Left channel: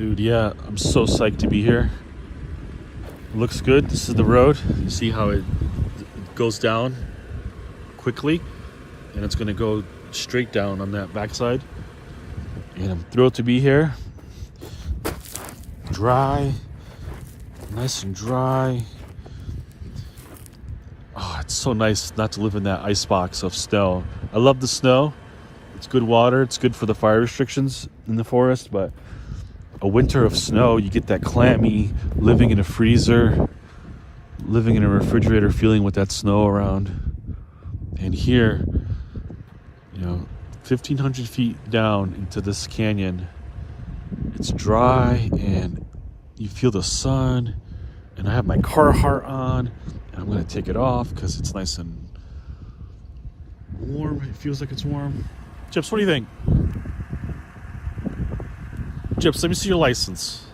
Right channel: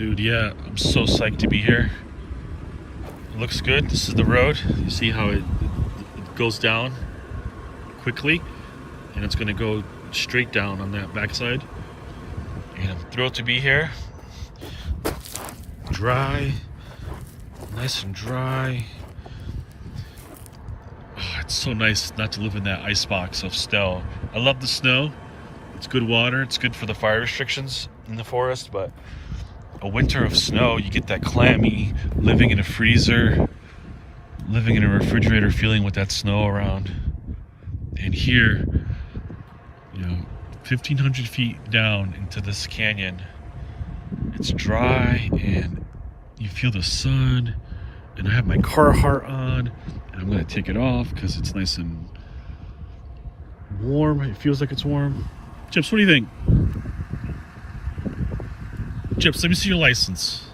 Dude, yeah, I'm so psyched to be here. It looks good. This is the road. You see how it goes down quickly, and it's gonna go straight down on that backside. And I'm thrilled to be here. Dry, nice and dry. Oh, it's so nice not to live in that icebox of snow. I love the snow. It's good water. It's good for the fire restrictions in the forest, but a winter of snow, you get that clammy, living in a freezer, living in a refrigerator feeling with that snow around. And here, you know, 1,500 feet down into this canyon, it's dry and you feel the sun. And I have my Carhartt on, and I'm gonna take it off because it's nice and warm. It feels like it's warm. Chips, what do you think? Chips, let me see your license.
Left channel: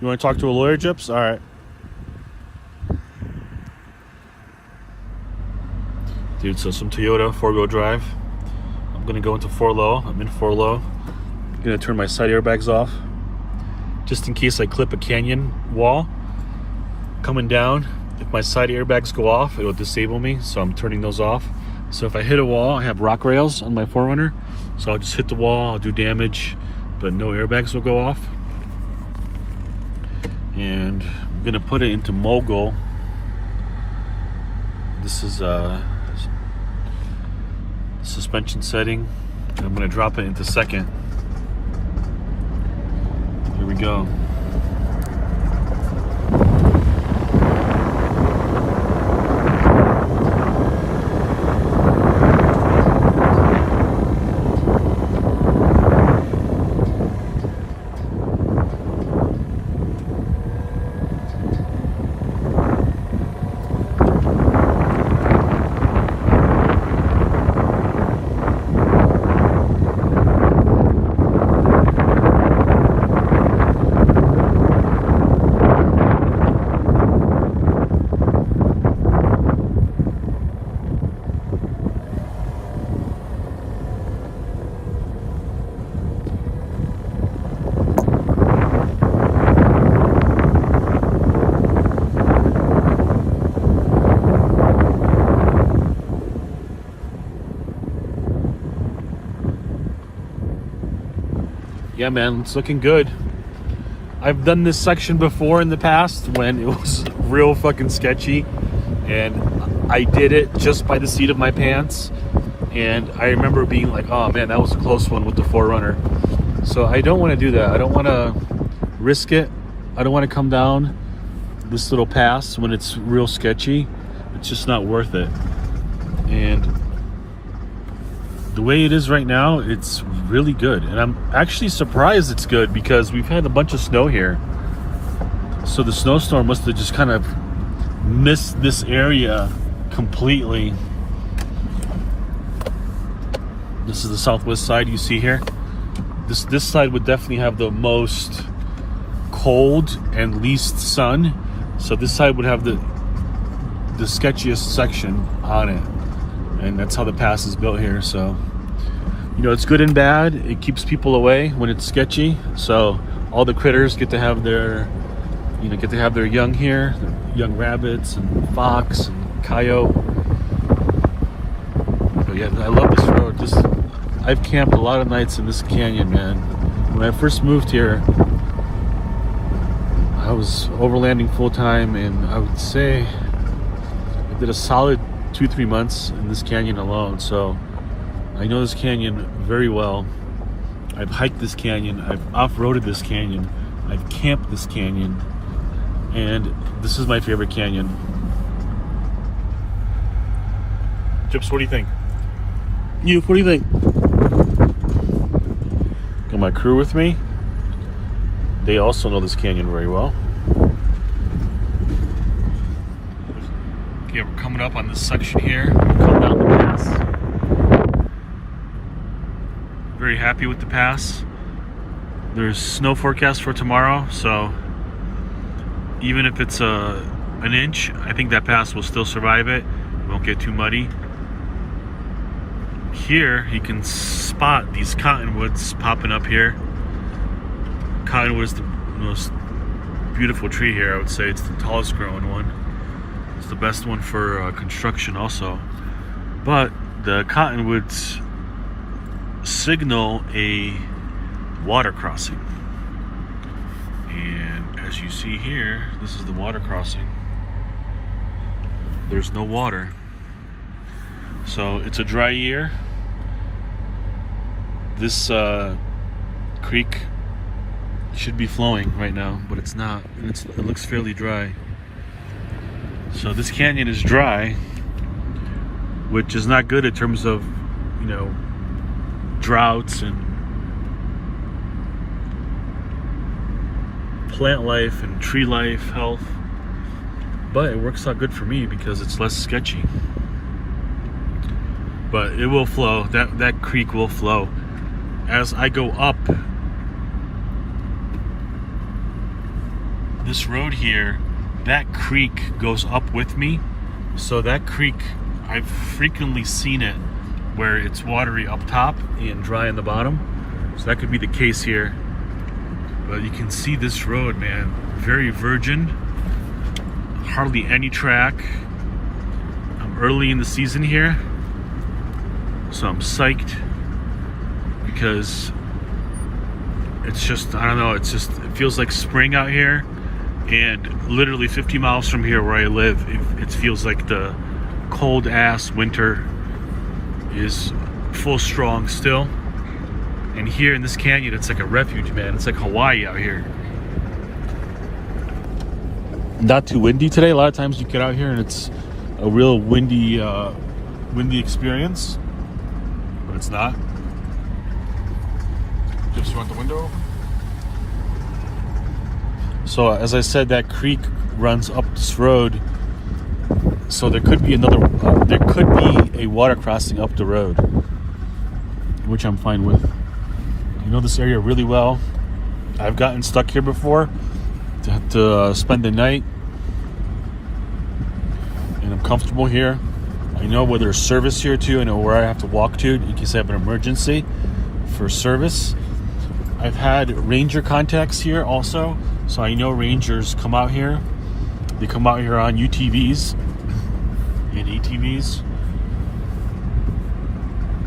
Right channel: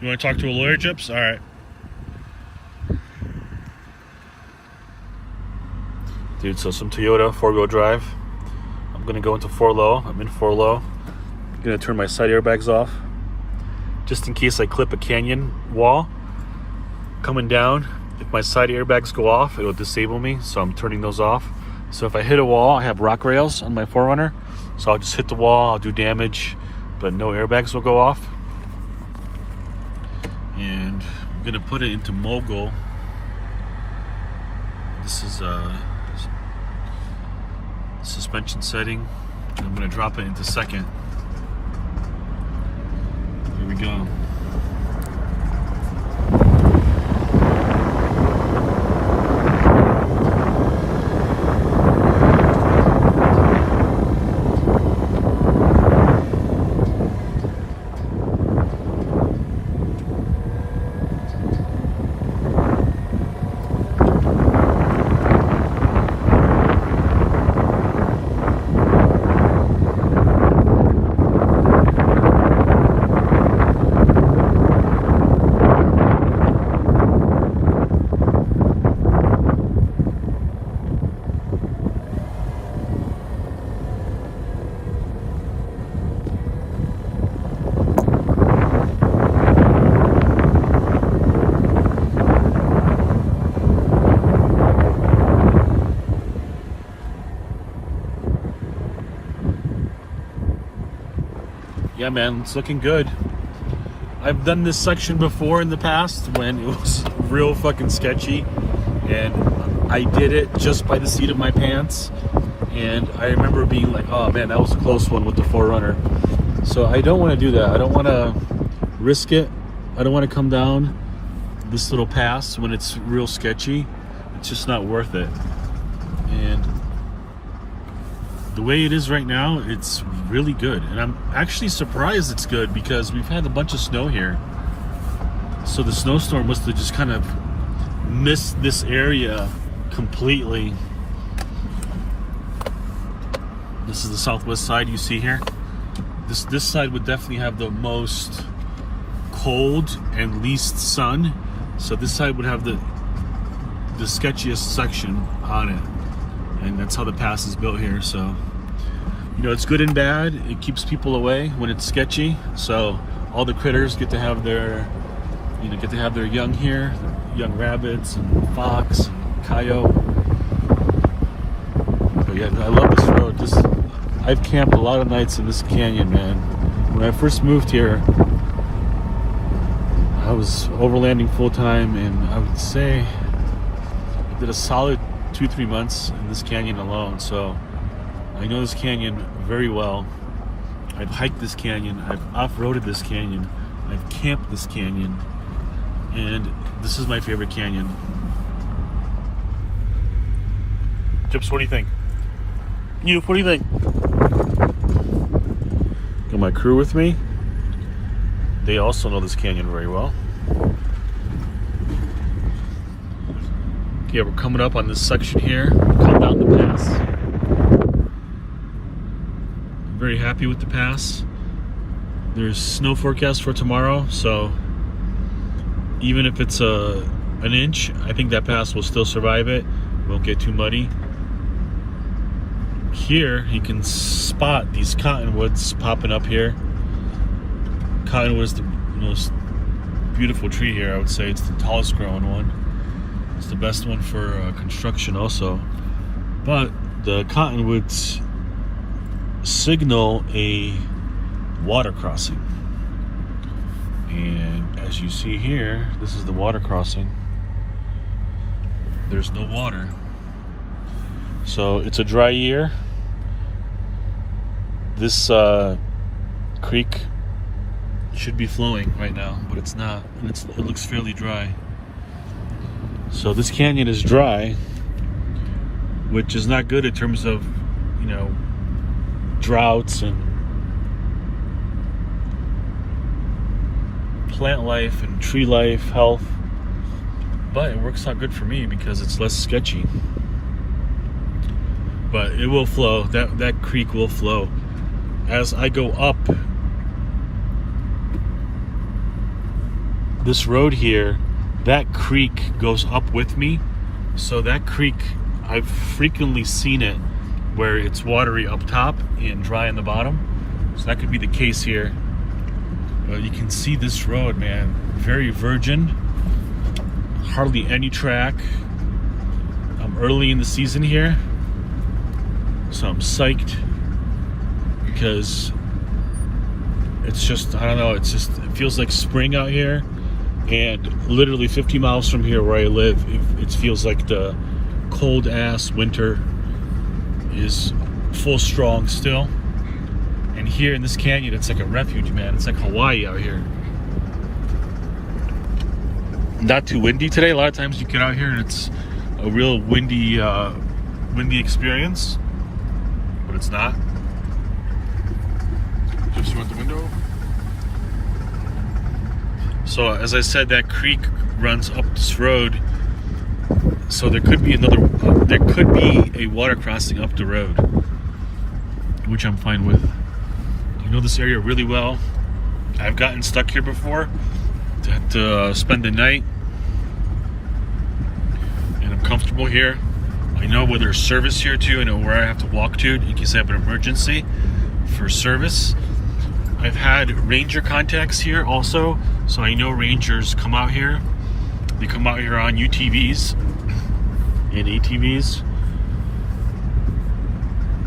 You want to talk to a lawyer, Chips? All right. Dude, so some Toyota 4-wheel drive. I'm going to go into 4-low. I'm in 4-low. I'm going to turn my side airbags off just in case I clip a canyon wall coming down. If my side airbags go off, it'll disable me, so I'm turning those off. So if I hit a wall, I have rock rails on my 4Runner. So I'll just hit the wall, I'll do damage, but no airbags will go off. And I'm gonna put it into Mogul. This is suspension setting. I'm gonna drop it into second. Here we go. Yeah, man, it's looking good. I've done this section before in the past when it was real fucking sketchy, and I did it just by the seat of my pants. And I remember being like, oh man, that was a close one with the 4Runner. So I don't want to do that. I don't want to risk it. I don't want to come down this little pass when it's real sketchy. It's just not worth it. And the way it is right now, it's really good. And I'm actually surprised it's good because we've had a bunch of snow here. So the snowstorm must have just kind of missed this area completely. This is the southwest side you see here. This side would definitely have the most cold and least sun. So this side would have the sketchiest section on it. And that's how the pass is built here. So, you know, it's good and bad. It keeps people away when it's sketchy. So all the critters get to have their, you know, young here, their young rabbits and fox and coyote. But yeah, I love this road. I've camped a lot of nights in this canyon, man. When I first moved here, I was overlanding full time, and I would say I did a solid 2-3 months in this canyon alone. So I know this canyon very well. I've hiked this canyon, I've off-roaded this canyon, I've camped this canyon, and this is my favorite canyon. Chips, what do you think? You, what do you think? Got my crew with me. They also know this canyon very well. Yeah, we're coming up on this section here. Very happy with the pass. There's snow forecast for tomorrow, so even if it's an inch, I think that pass will still survive it. It won't get too muddy. Here you can spot these cottonwoods popping up here. Cottonwood is the most beautiful tree here. I would say it's the tallest growing one. It's the best one for construction also. But the cottonwoods signal a water crossing. And as you see here, this is the water crossing. There's no water. So it's a dry year. This creek should be flowing right now, but it's not. It looks fairly dry. So this canyon is dry, which is not good in terms of, you know, droughts and plant life and tree life, health. But it works out good for me because it's less sketchy. But it will flow. That creek will flow. As I go up this road here, that creek goes up with me. So that creek, I've frequently seen it where it's watery up top and dry on the bottom. So that could be the case here. But you can see this road, man, very virgin, hardly any track. I'm early in the season here, so I'm psyched because it's just, I don't know, it feels like spring out here. And literally 50 miles from here where I live, it feels like the cold ass winter is full strong still. And here in this canyon, it's like a refuge, man. It's like Hawaii out here. Not too windy today. A lot of times you get out here and it's a real windy experience, but it's not. Just want the window open. So as I said, that creek runs up this road. So there could be a water crossing up the road, which I'm fine with. I know this area really well. I've gotten stuck here before to spend the night, and I'm comfortable here. I know where there's service here too. I know where I have to walk to in case I have an emergency for service. I've had ranger contacts here also, so I know rangers come out here. They come out here on UTVs and ATVs.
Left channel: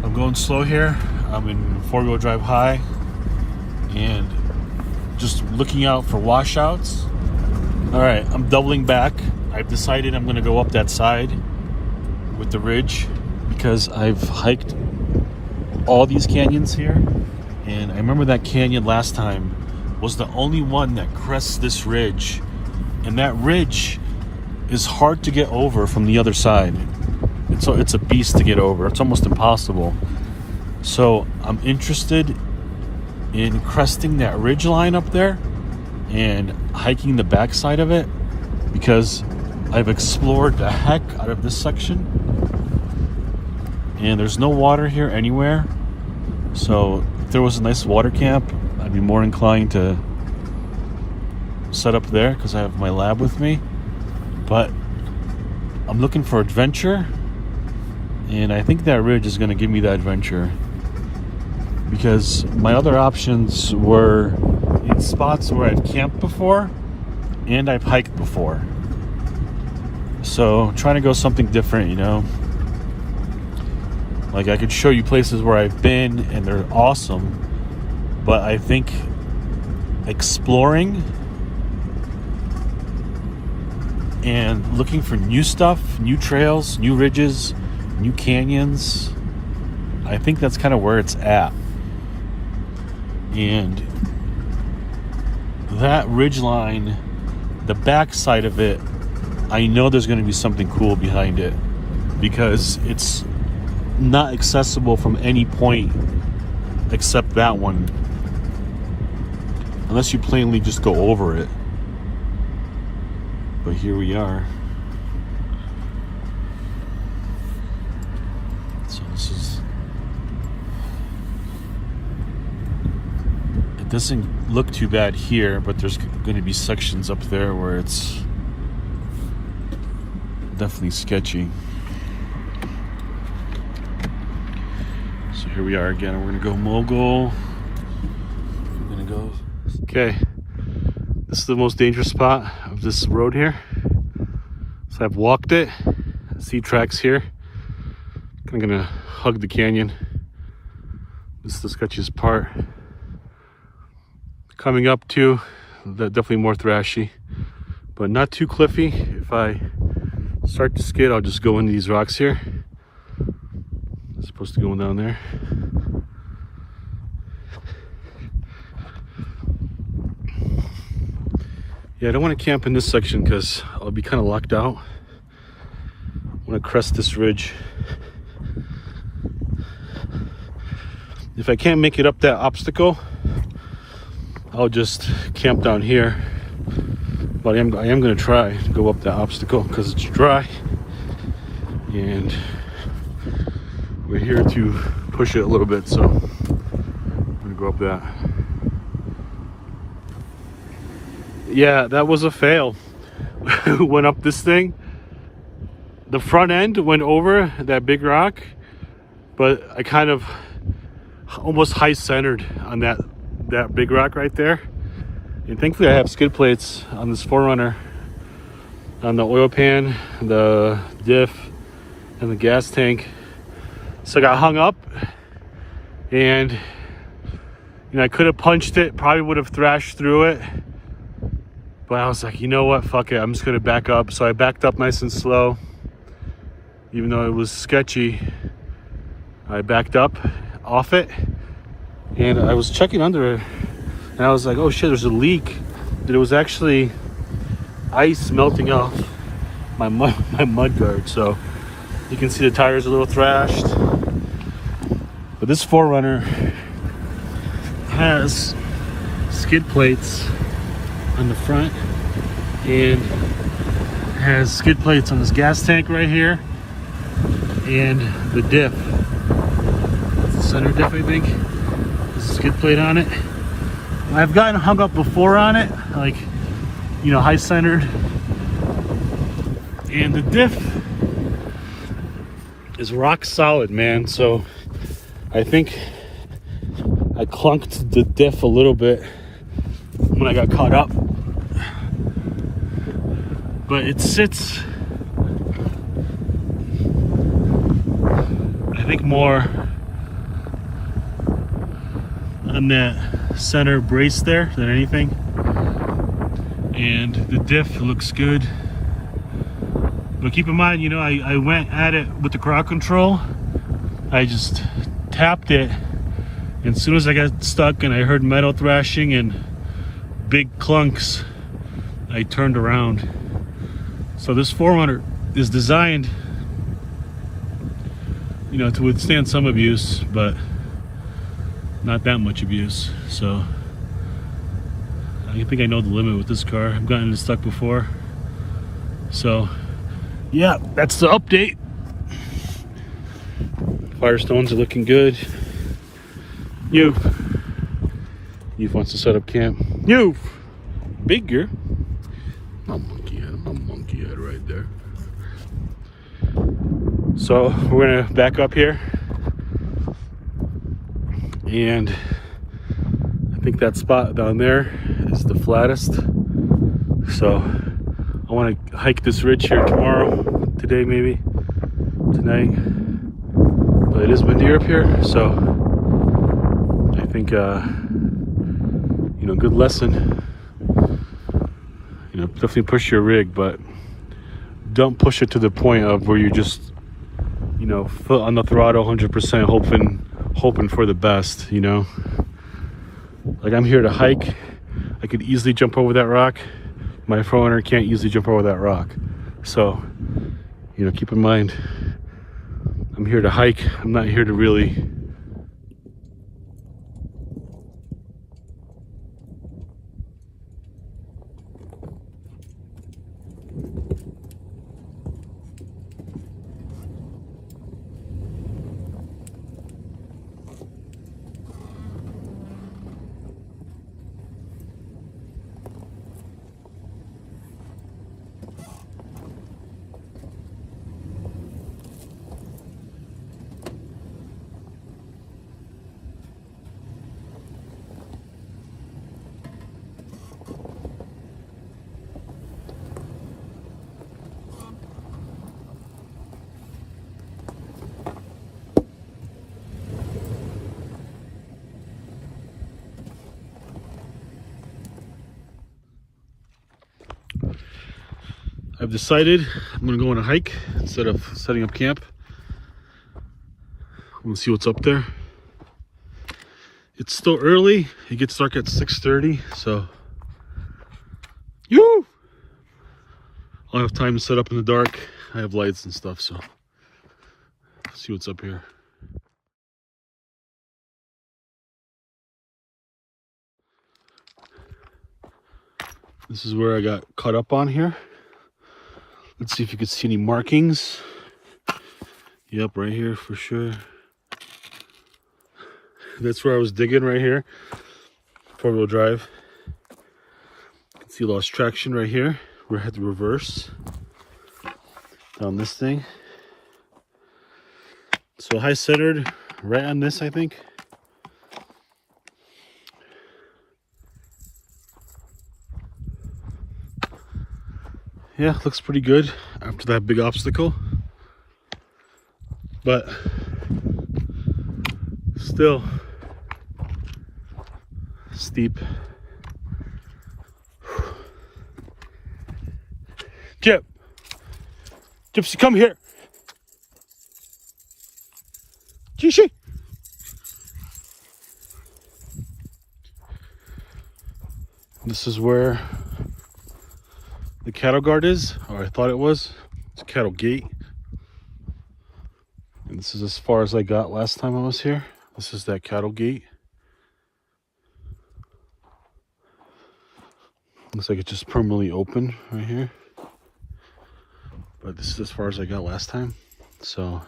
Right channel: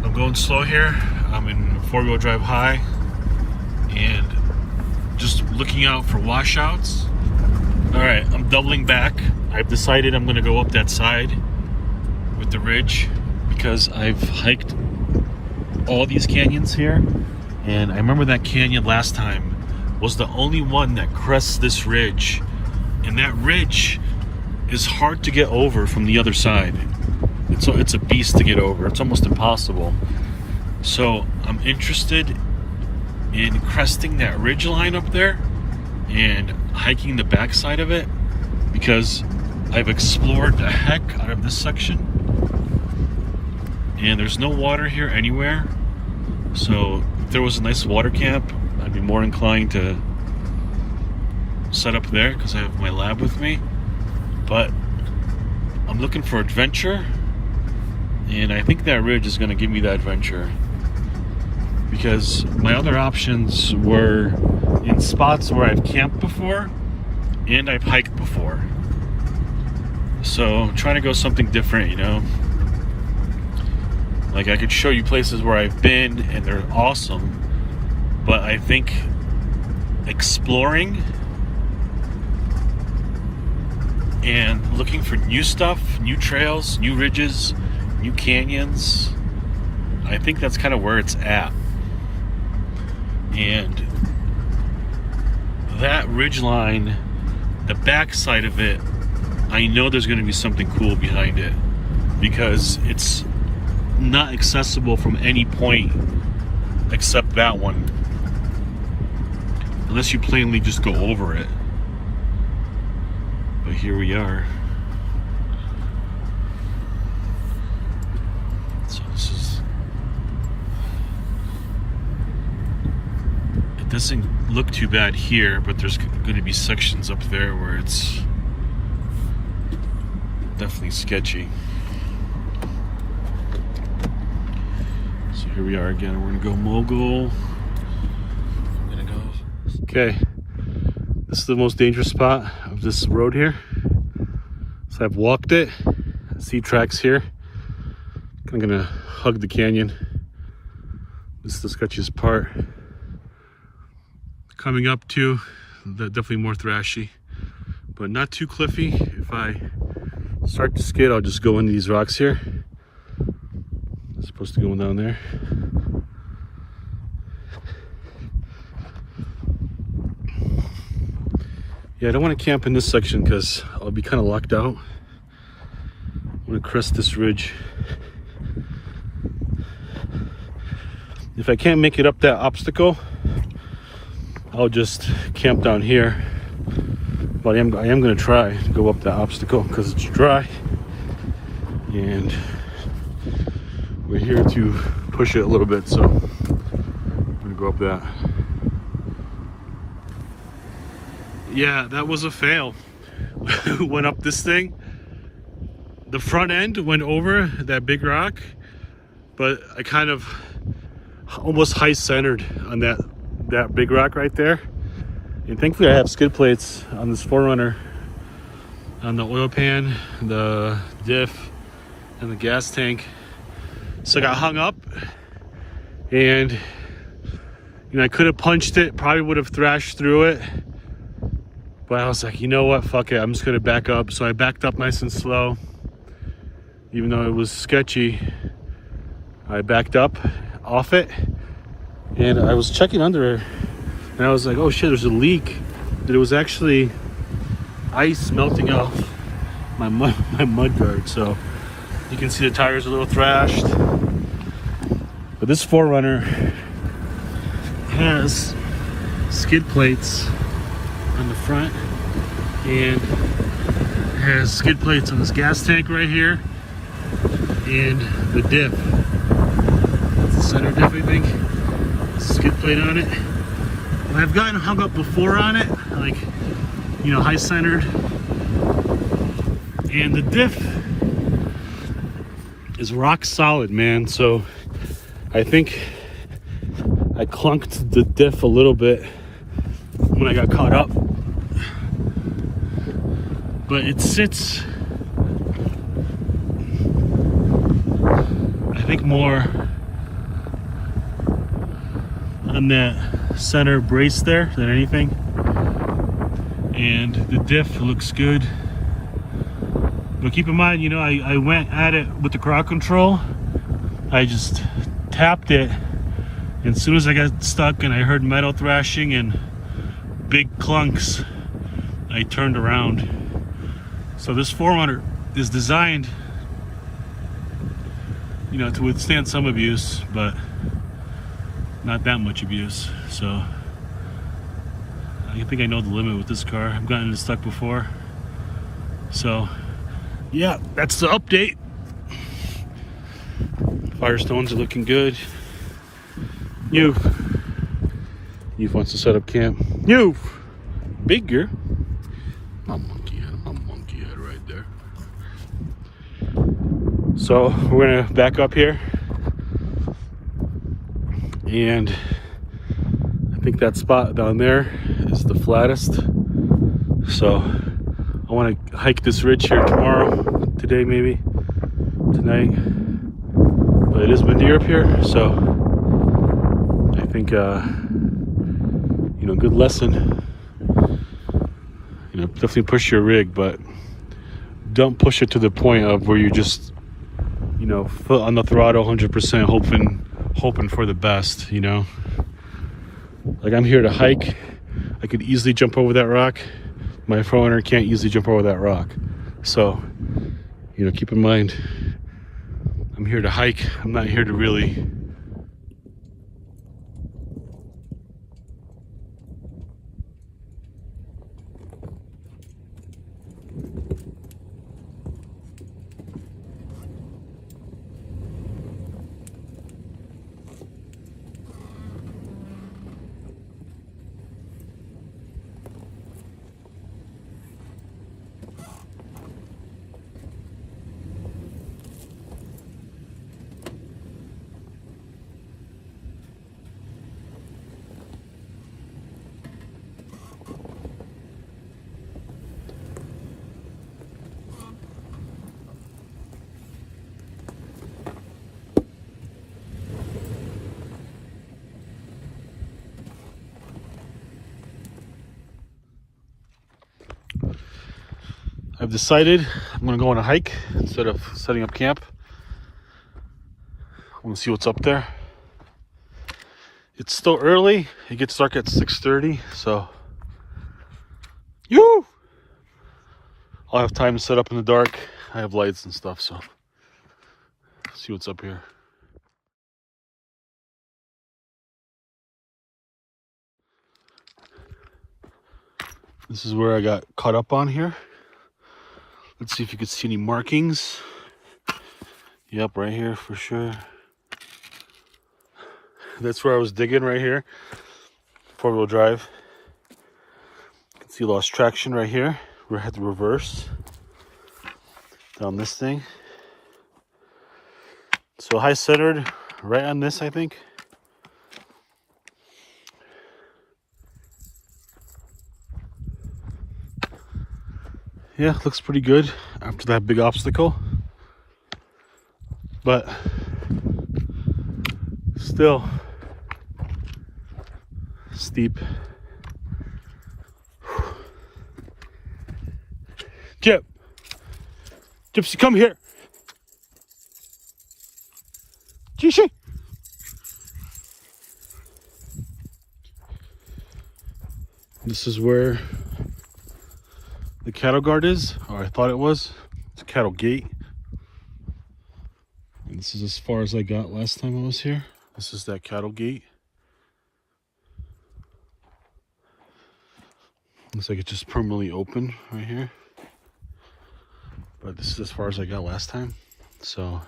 I'm going slow here. I'm in four-wheel drive high and just looking out for washouts. All right, I'm doubling back. I've decided I'm gonna go up that side with the ridge because I've hiked all these canyons here, and I remember that canyon last time was the only one that crests this ridge, and that ridge is hard to get over from the other side. It's a beast to get over. It's almost impossible. So I'm interested in cresting that ridge line up there and hiking the backside of it because I've explored the heck out of this section and there's no water here anywhere. So if there was a nice water camp, I'd be more inclined to set up there because I have my lab with me. But I'm looking for adventure, and I think that ridge is going to give me that adventure because my other options were in spots where I've camped before and I've hiked before. So trying to go something different, you know. Like I could show you places where I've been and they're awesome, but I think exploring and looking for new stuff, new trails, new ridges, new canyons, I think that's kind of where it's at. And that ridge line, the back side of it, I know there's going to be something cool behind it because it's not accessible from any point except that one, unless you plainly just go over it. But here we are. So this is, it doesn't look too bad here, but there's going to be sections up there where it's definitely sketchy. So here we are again. We're gonna go mogul. We're gonna go Okay, this is the most dangerous spot of this road here. So I've walked it. I see tracks here. I'm gonna hug the canyon. This is the sketchiest part. Coming up to definitely more thrashy, but not too cliffy. If I start to skid, I'll just go into these rocks here. As opposed to going down there. Yeah, I don't want to camp in this section because I'll be kind of locked out. I want to crest this ridge. If I can't make it up that obstacle, I'll just camp down here. But I am going to try to go up that obstacle because it's dry. And we're here to push it a little bit, so I'm going to go up that. Yeah, that was a fail. Went up this thing. The front end went over that big rock, but I kind of almost high centered on that big rock right there. And thankfully I have skid plates on this 4Runner, on the oil pan, the diff, and the gas tank. So I got hung up, and I could have punched it, probably would have thrashed through it. But I was like, you know what, fuck it, I'm just gonna back up. So I backed up nice and slow. Even though it was sketchy, I backed up off it, and I was checking under it, and I was like, oh shit, there's a leak. But it was actually ice melting off my mud guard. So you can see the tires are a little thrashed. But this 4Runner has skid plates on the front, and has skid plates on this gas tank right here, and the diff. That's the center diff, I think. There's a skid plate on it. And I've gotten hung up before on it, like, high centered. And the diff is rock solid, man. So I think I clunked the diff a little bit when I got caught up. But it sits, I think, more on that center brace there than anything. And the diff looks good. But keep in mind, I went at it with the crowd control. I just tapped it, and as soon as I got stuck and I heard metal thrashing and big clunks, I turned around. So this 4Runner is designed, to withstand some abuse, but not that much abuse. So I think I know the limit with this car. I've gotten it stuck before. So yeah, that's the update. Firestones are looking good. Youth wants to set up camp. Youth, bigger. My monkey head right there. So we're gonna back up here, and I think that spot down there is the flattest. So I want to hike this ridge here tomorrow, today maybe, tonight. But it is windy up here, so I think good lesson. Definitely push your rig, but don't push it to the point of where you just, foot on the throttle 100%, hoping for the best. Like, I'm here to hike. I could easily jump over that rock. My 4Runner can't easily jump over that rock. So, keep in mind, I'm here to hike. I'm not here to really I've decided I'm gonna go on a hike instead of setting up camp. I want to see what's up there. It's still early. It gets dark at 6:30, so I'll have time to set up in the dark. I have lights and stuff, so let's see what's up here. This is where I got caught up on here. Let's see if you can see any markings. Yep, right here for sure. That's where I was digging right here. 4-wheel drive. You can see lost traction right here. We had to reverse down this thing. So high centered right on this, I think. Yeah, looks pretty good after that big obstacle. But still steep. Gyp, Gypsy, come here. Jishi. This is where the cattle guard is, or I thought it was. It's a cattle gate. And this is as far as I got last time I was here. This is that cattle gate. Looks like it's just permanently open right here. But this is as far as I got last time. So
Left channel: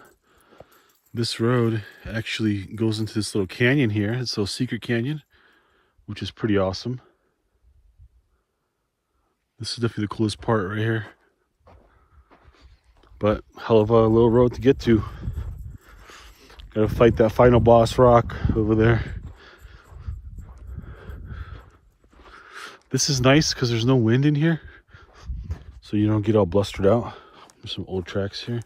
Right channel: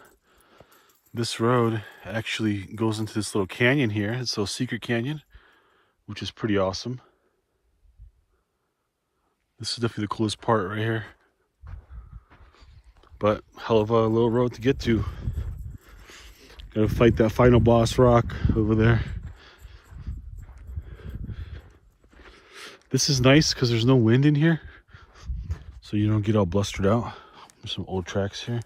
this road actually goes into this little canyon here. It's a little secret canyon, which is pretty awesome. This is definitely the coolest part right here. But hell of a little road to get to. Gotta fight that final boss rock over there. This is nice because there's no wind in here, so you don't get all blustered out. There's some old tracks here.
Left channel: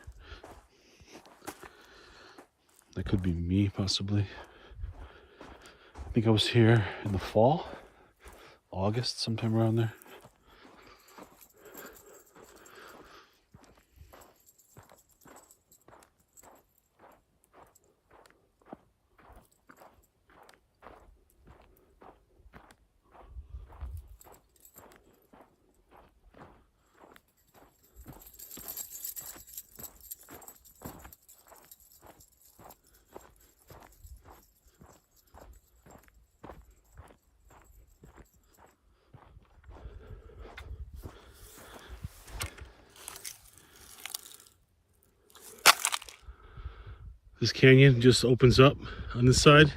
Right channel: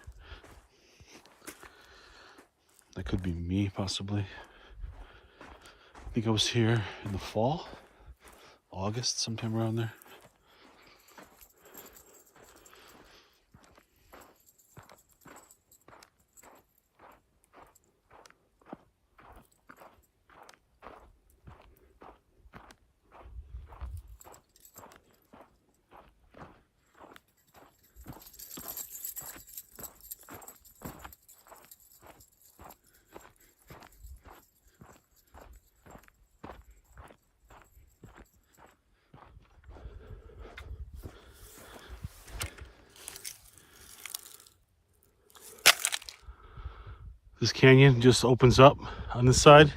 That could be me, possibly. I think I was here in the fall, August, sometime around there. This canyon just opens up on this side.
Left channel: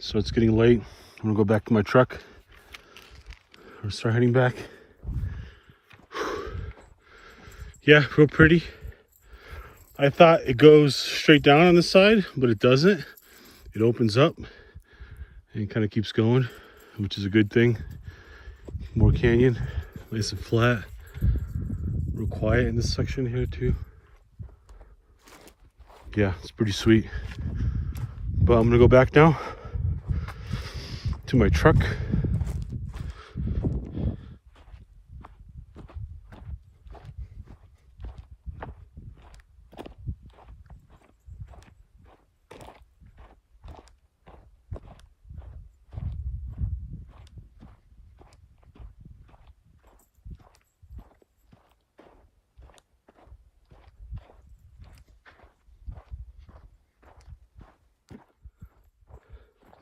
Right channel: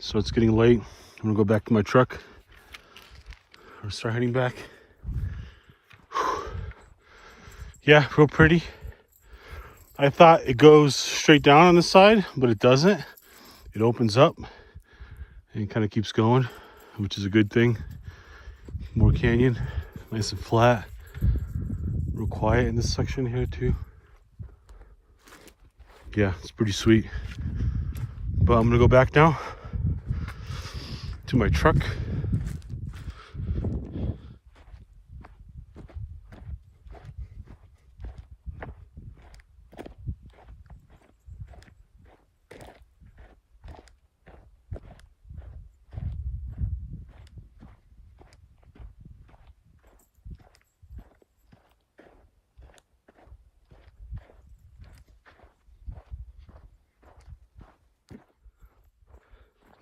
So it's getting late. I'm gonna go back to my truck. I'll start heading back. Yeah, real pretty. I thought it goes straight down on this side, but it doesn't. It opens up and kind of keeps going, which is a good thing. More canyon, nice and flat. Real quiet in this section here too. Yeah, it's pretty sweet. But I'm gonna go back now to my truck.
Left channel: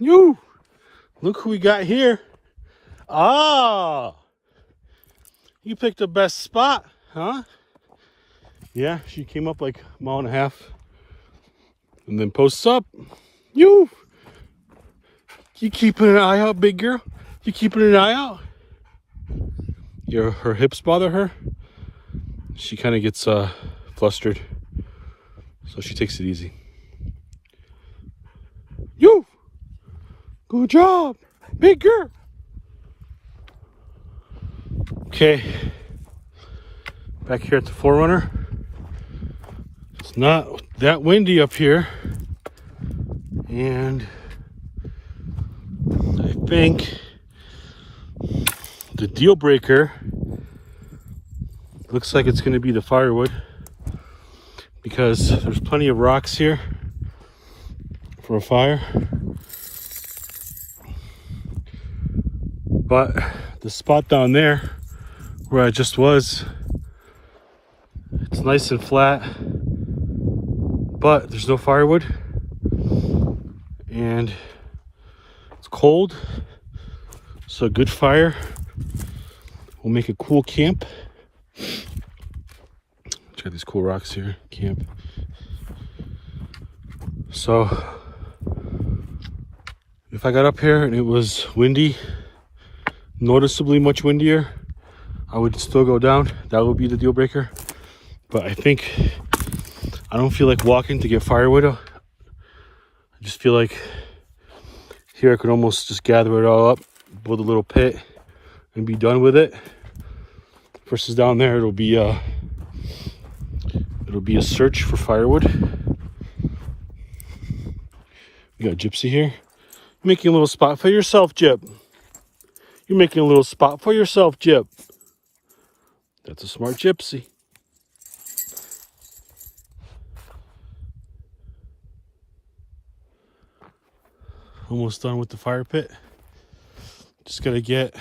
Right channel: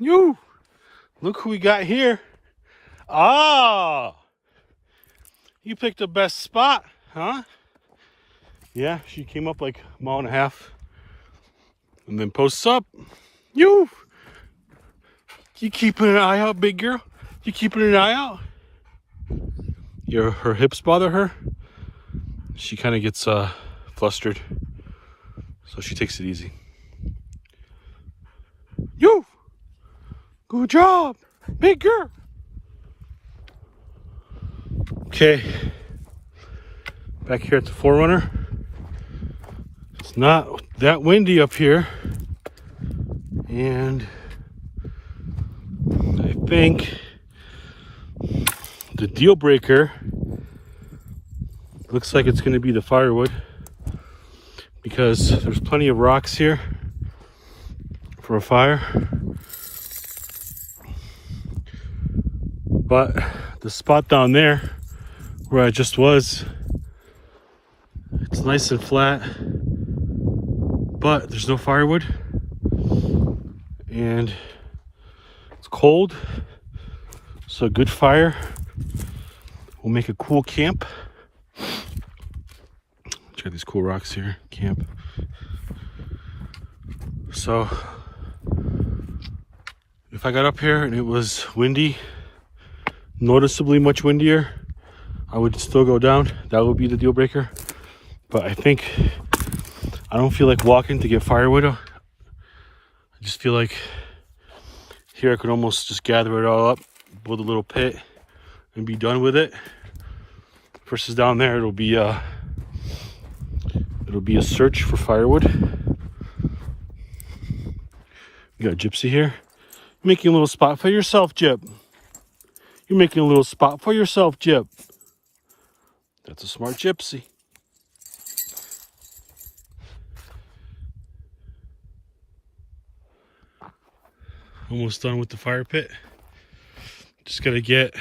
You look who we got here. Ah, you picked the best spot, huh? Yeah, she came up like a mile and a half and then posts up. You keeping an eye out, big girl? You keeping an eye out? Her hips bother her. She kind of gets flustered, so she takes it easy. You. Good job, big girl. Okay, back here at the 4Runner. It's not that windy up here, and I think the deal breaker Looks like it's going to be the firewood because there's plenty of rocks here for a fire. But the spot down there where I just was, it's nice and flat, but there's no firewood and it's cold. So a good fire will make a cool camp. Check these cool rocks here, camp. So if I got up here and it was windy, noticeably much windier, I would still go down. That would be the deal breaker. But I don't feel like walking to get firewood. I just feel like here I could almost just gather it all up, build a little pit, and be done with it. Versus down there, it'll be a search for firewood. You got Gypsy here, making a little spot for yourself, Gyp. You're making a little spot for yourself, Gyp. That's a smart Gypsy. Almost done with the fire pit. Just gotta get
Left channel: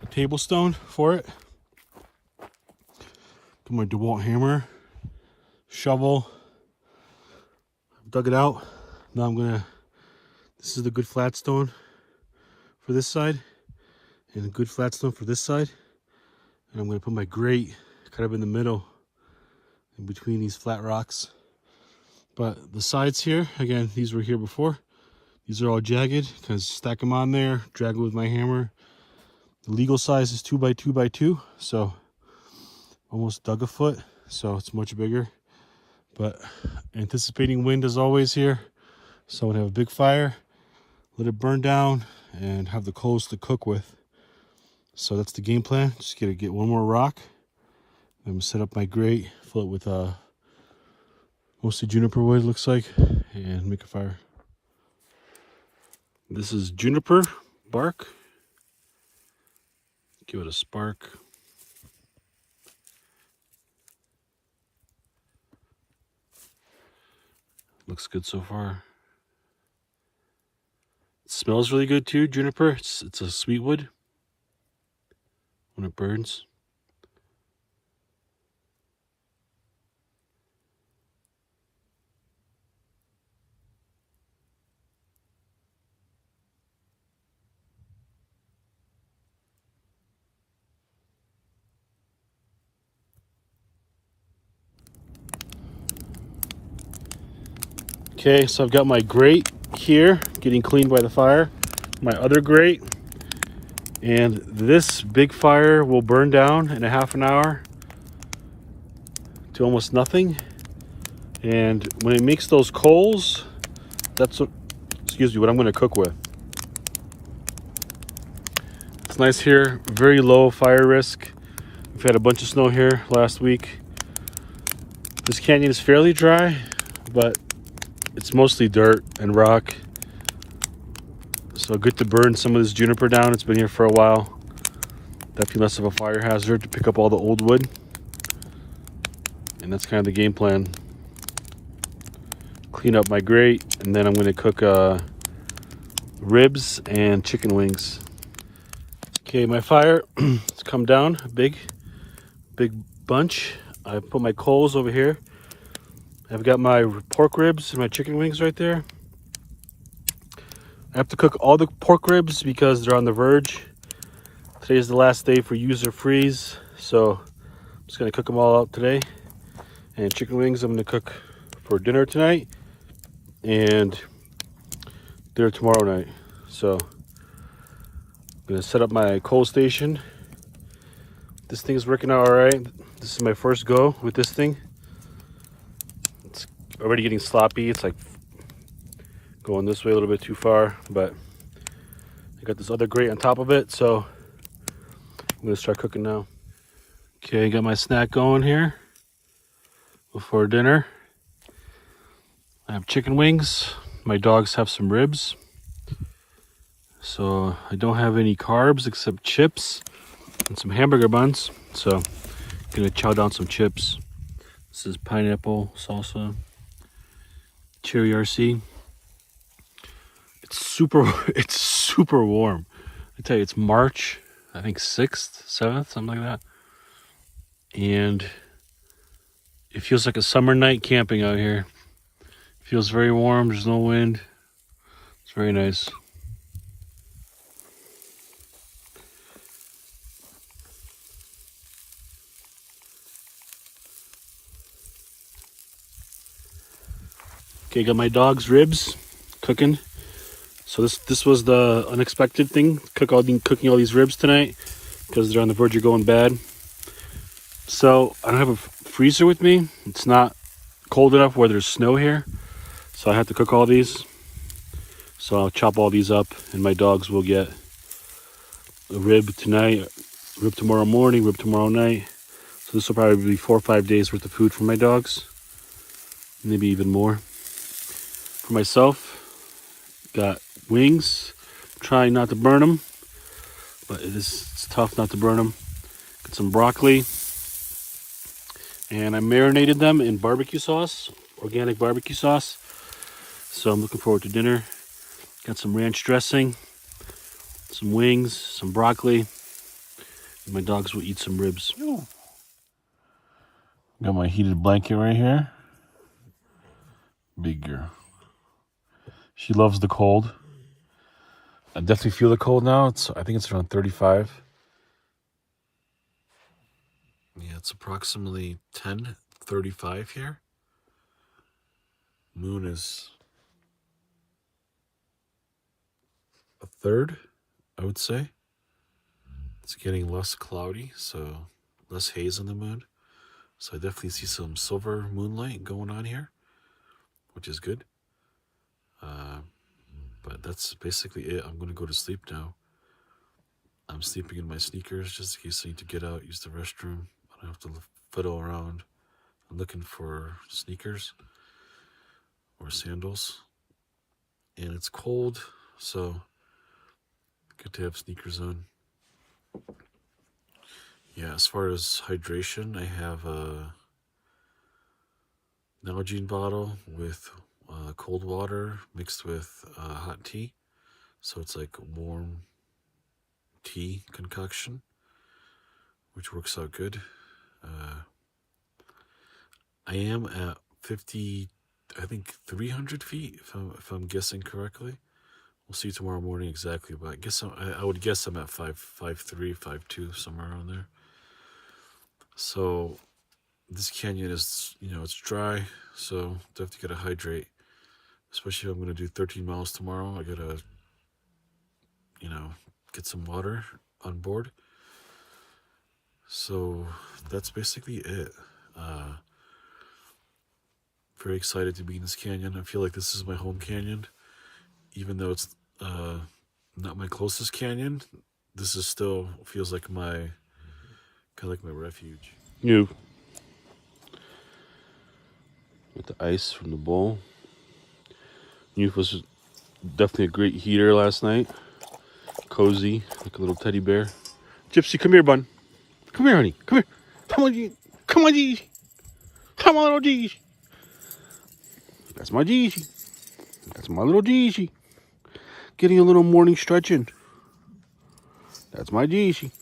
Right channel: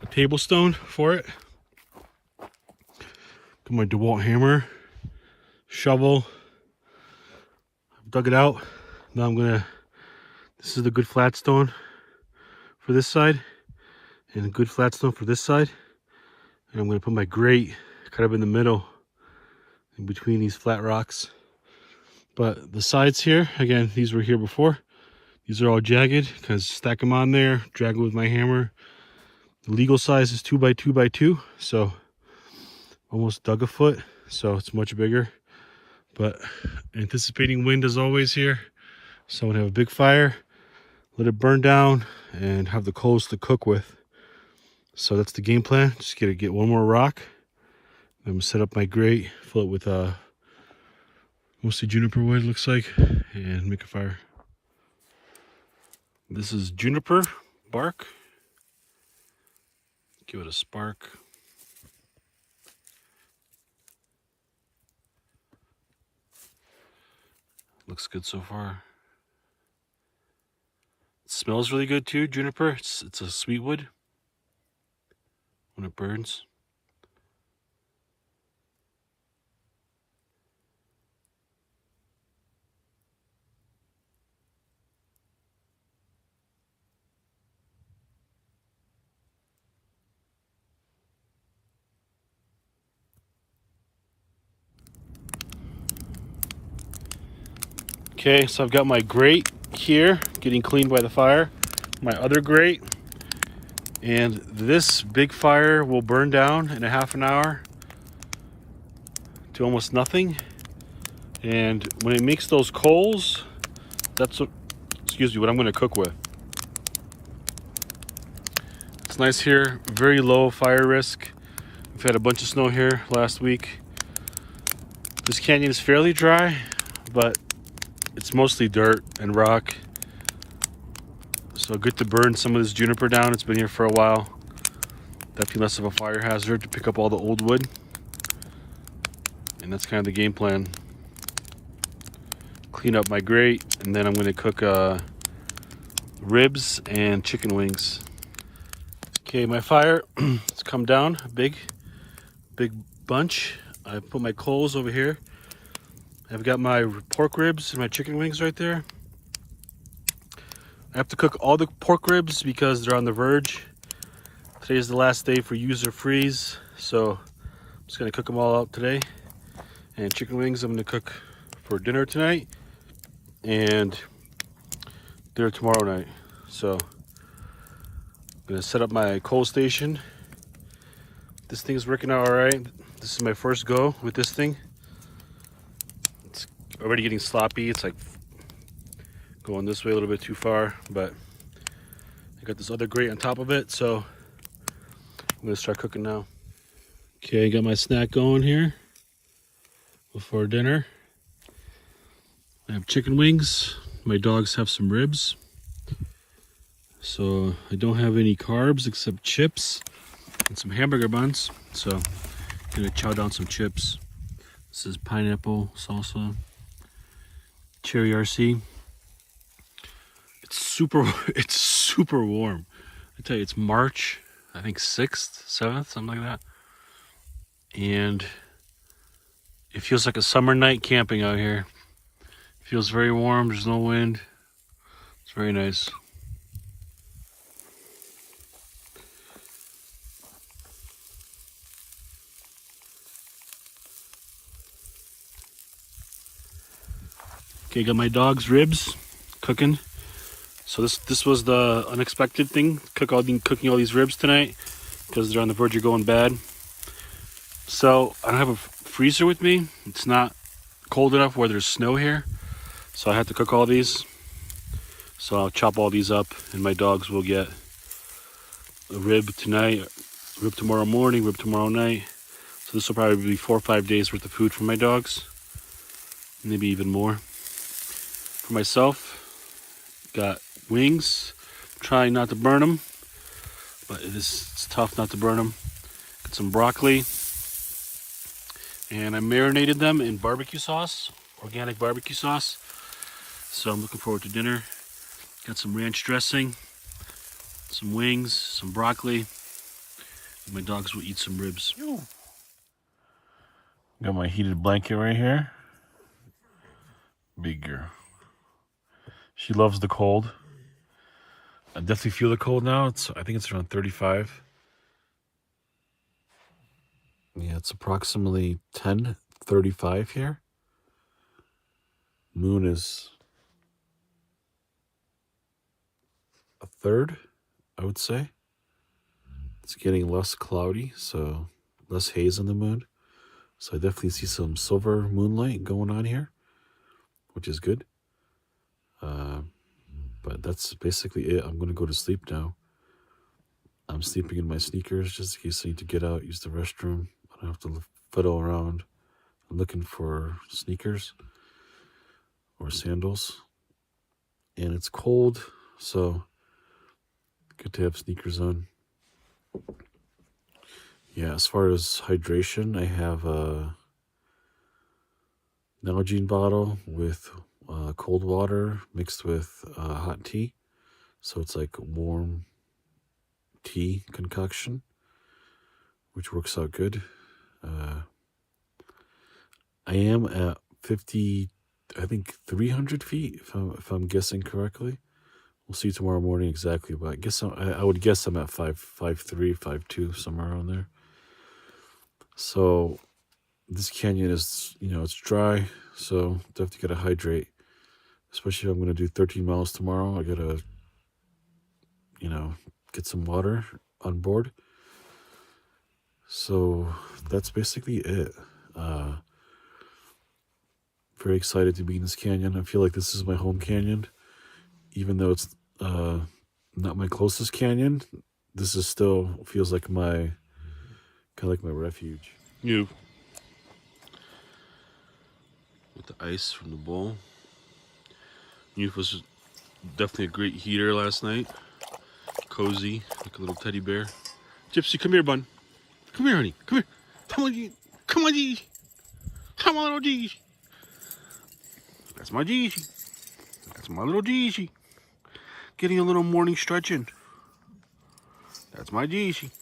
a table stone for it. Got my DeWalt hammer, shovel. I've dug it out. Now this is the good flat stone for this side and a good flat stone for this side. And I'm gonna put my grate kind of in the middle in between these flat rocks. But the sides here, again, these were here before. These are all jagged because stack them on there, drag them with my hammer. The legal size is 2 by 2 by 2, so almost dug a foot, so it's much bigger. But anticipating wind as always here, so I'm gonna have a big fire, let it burn down, and have the coals to cook with. So that's the game plan. Just gotta get one more rock. I'm gonna set up my grate, fill it with mostly juniper wood, looks like, and make a fire. This is juniper bark. Give it a spark. Looks good so far. It smells really good too, juniper. It's a sweet wood when it burns. Okay, so I've got my grate here getting cleaned by the fire, my other grate, and this big fire will burn down in a half an hour to almost nothing. And when it makes those coals, that's what I'm going to cook with. It's nice here, very low fire risk. We've had a bunch of snow here last week. This canyon is fairly dry, but it's mostly dirt and rock. So good to burn some of this juniper down. It's been here for a while. Definitely less of a fire hazard to pick up all the old wood. And that's kind of the game plan. Clean up my grate, and then I'm going to cook ribs and chicken wings. Okay, my fire has come down a big bunch. I put my coals over here. I've got my pork ribs and my chicken wings right there. I have to cook all the pork ribs because they're on the verge. Today is the last day for user freeze, so I'm just gonna cook them all out today. And chicken wings I'm gonna cook for dinner tonight and dinner tomorrow night. So I'm gonna set up my coal station. This thing's working out all right. This is my first go with this thing. Already getting sloppy. It's like going this way a little bit too far, but I got this other grate on top of it, so I'm gonna start cooking now. Okay, I got my snack going here before dinner. I have chicken wings. My dogs have some ribs. So I don't have any carbs except chips and some hamburger buns. So Gonna chow down some chips. This is pineapple salsa, cherry RC. It's super warm. I tell you, it's March, I think 6th, 7th, something like that. And it feels like a summer night camping out here. It feels very warm, there's no wind. It's very nice. Okay, got my dog's ribs cooking. So this was the unexpected thing. Cooking all these ribs tonight because they're on the verge of going bad. So I don't have a freezer with me. It's not cold enough where there's snow here. So I have to cook all these. So I'll chop all these up and my dogs will get a rib tonight, rib tomorrow morning, rib tomorrow night. So this will probably be 4 or 5 days worth of food for my dogs. Maybe even more. For myself, got wings. Trying not to burn them, but it's tough not to burn them. Got some broccoli. And I marinated them in barbecue sauce, organic barbecue sauce. So I'm looking forward to dinner. Got some ranch dressing, some wings, some broccoli. And my dogs will eat some ribs. Got my heated blanket right here. Big girl. She loves the cold. I definitely feel the cold now. I think it's around 35. Yeah, it's approximately 10:35 here. Moon is a third, I would say. It's getting less cloudy, so less haze on the moon. So I definitely see some silver moonlight going on here, which is good. But that's basically it. I'm going to go to sleep now. I'm sleeping in my sneakers just in case I need to get out, use the restroom. I don't have to fiddle around. I'm looking for sneakers or sandals. And it's cold, so good to have sneakers on. Yeah, as far as hydration, I have a Nalgene bottle with cold water mixed with hot tea. So it's like warm tea concoction, which works out good. I am at 300 feet, if I'm guessing correctly. We'll see tomorrow morning exactly, but I would guess I'm at 5.3, 5.2, somewhere around there. So this canyon is, it's dry, so definitely gotta hydrate. Especially if I'm gonna do 13 miles tomorrow, I gotta, get some water on board. So that's basically it. Very excited to be in this canyon. I feel like this is my home canyon. Even though it's not my closest canyon, this is still feels like my refuge. With the ice from the bowl. Youth was definitely a great heater last night. Cozy, like a little teddy bear. Gypsy, come here, bun. Come here, honey. Come here. Come on, G. Come on, G. Come on, little G. That's my G. That's my little G. Getting a little morning stretching. That's my G.